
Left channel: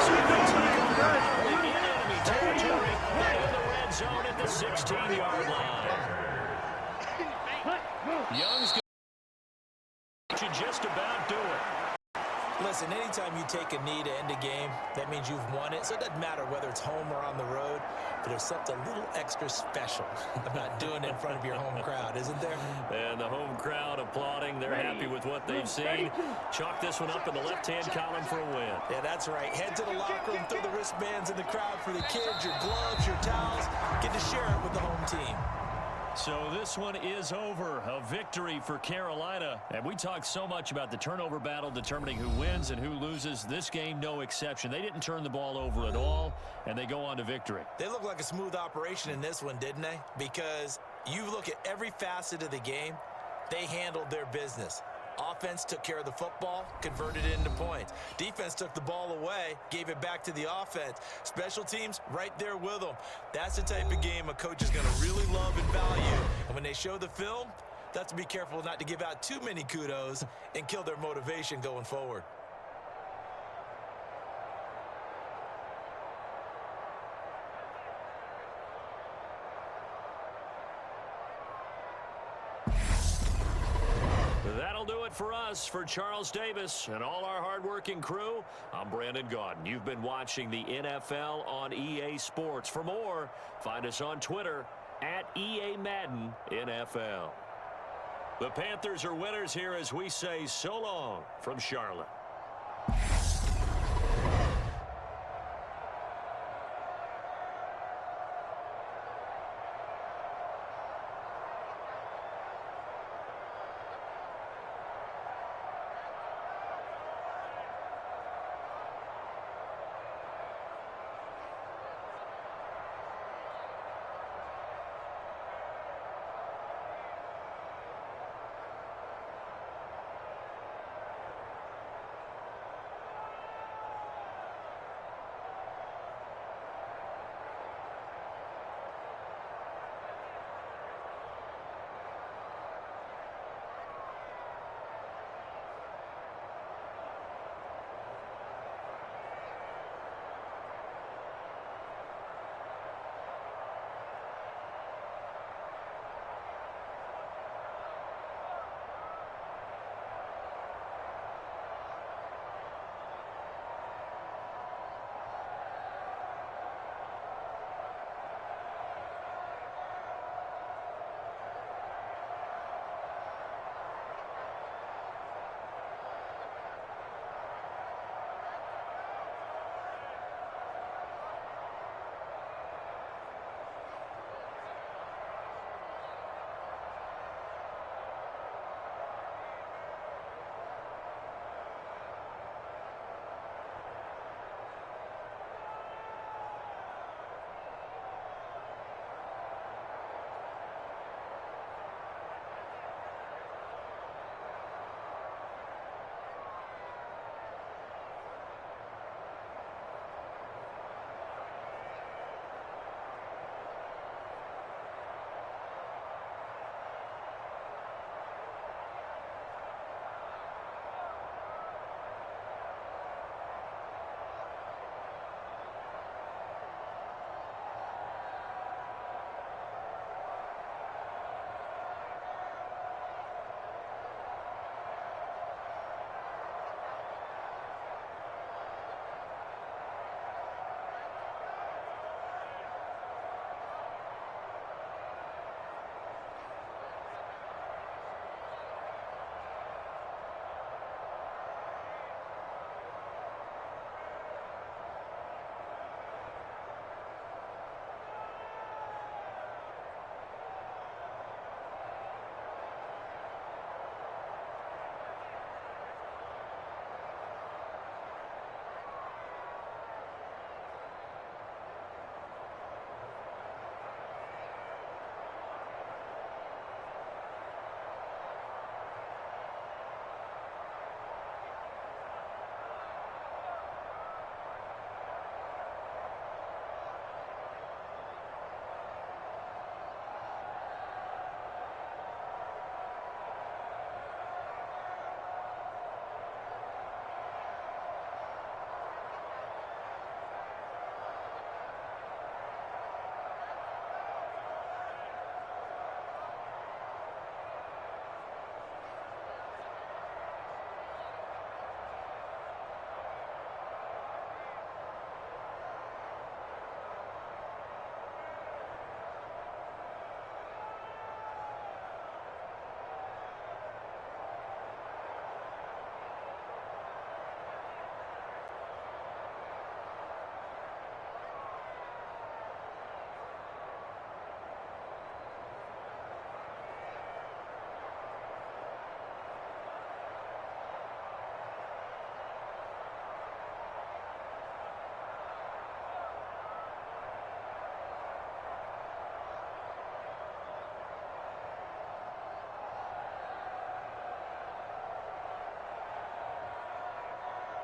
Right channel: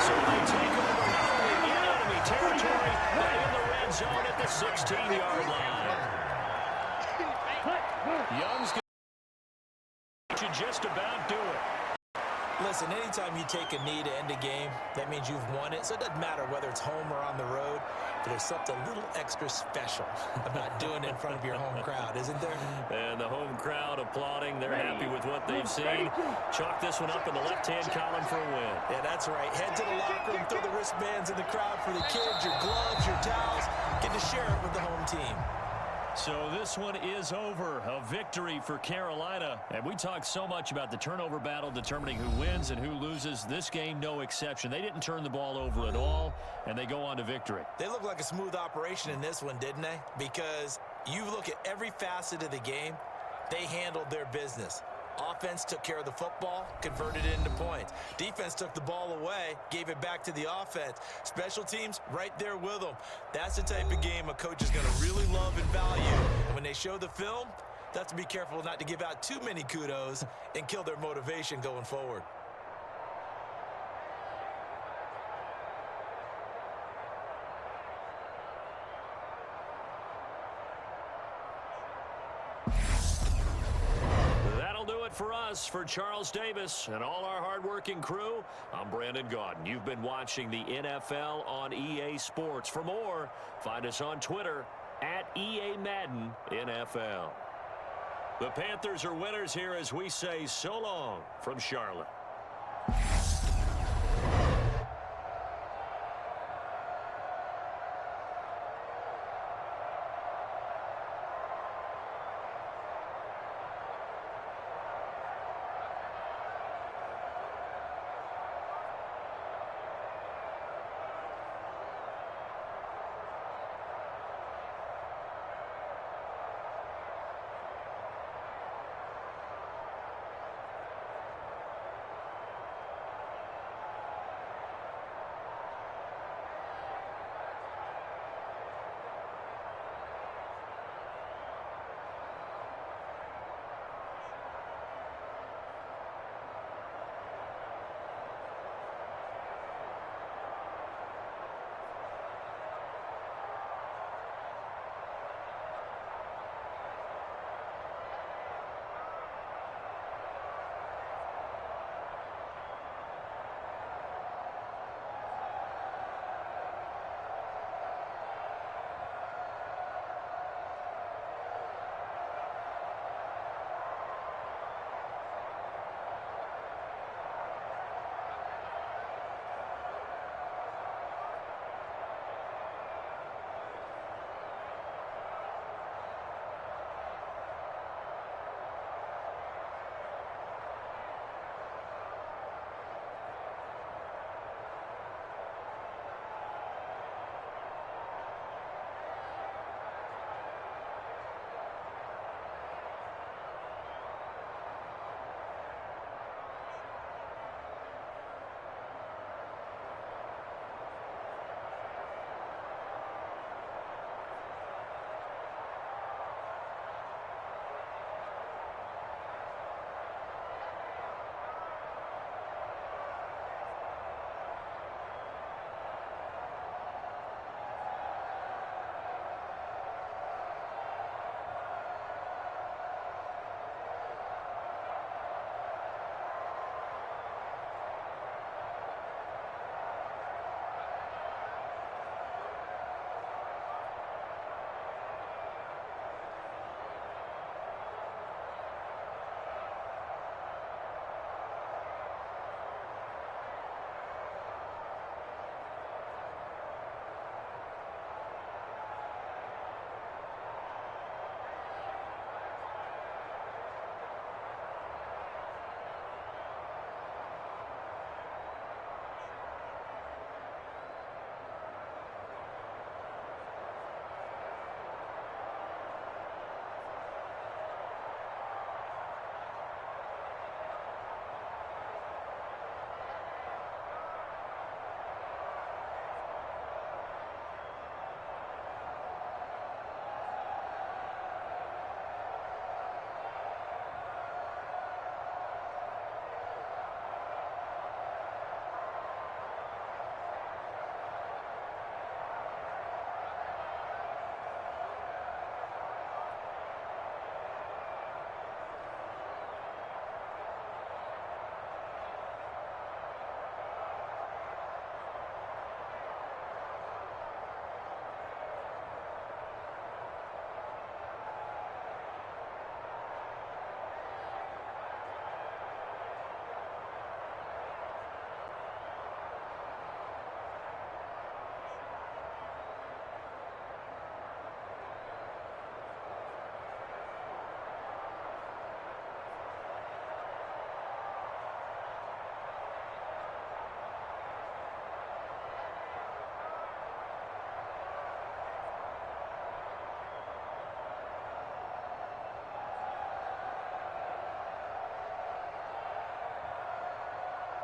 So they take over not only in enemy territory, but in the red zone at the 16-yard line. Young's should just about do it. Listen, anytime you take a knee to end a game, that means you've won it. So it doesn't matter whether it's home or on the road, but there's something a little extra special about doing it in front of your home crowd, isn't there? And the home crowd applauding. They're happy with what they've seen. Chalk this one up in the left-hand column for a win. Yeah, that's right. Head to the locker room, throw the wristbands in the crowd for the kids, your gloves, your towels. Get to share it with the home team. So this one is over. A victory for Carolina. And we talked so much about the turnover battle determining who wins and who loses. This game, no exception. They didn't turn the ball over at all, and they go on to victory. They look like a smooth operation in this one, didn't they? Because you look at every facet of the game, they handled their business. Offense took care of the football, converted it into points. Defense took the ball away, gave it back to the offense. Special teams, right there with them. That's the type of game a coach is going to really love and value. And when they show the film, they have to be careful not to give out too many kudos and kill their motivation going forward. That'll do it for us. For Charles Davis and all our hardworking crew, I'm Brandon Gaudin. You've been watching the NFL on EA Sports. For more, find us on Twitter at EA Madden NFL. The Panthers are winners here as we say so long from Charlotte.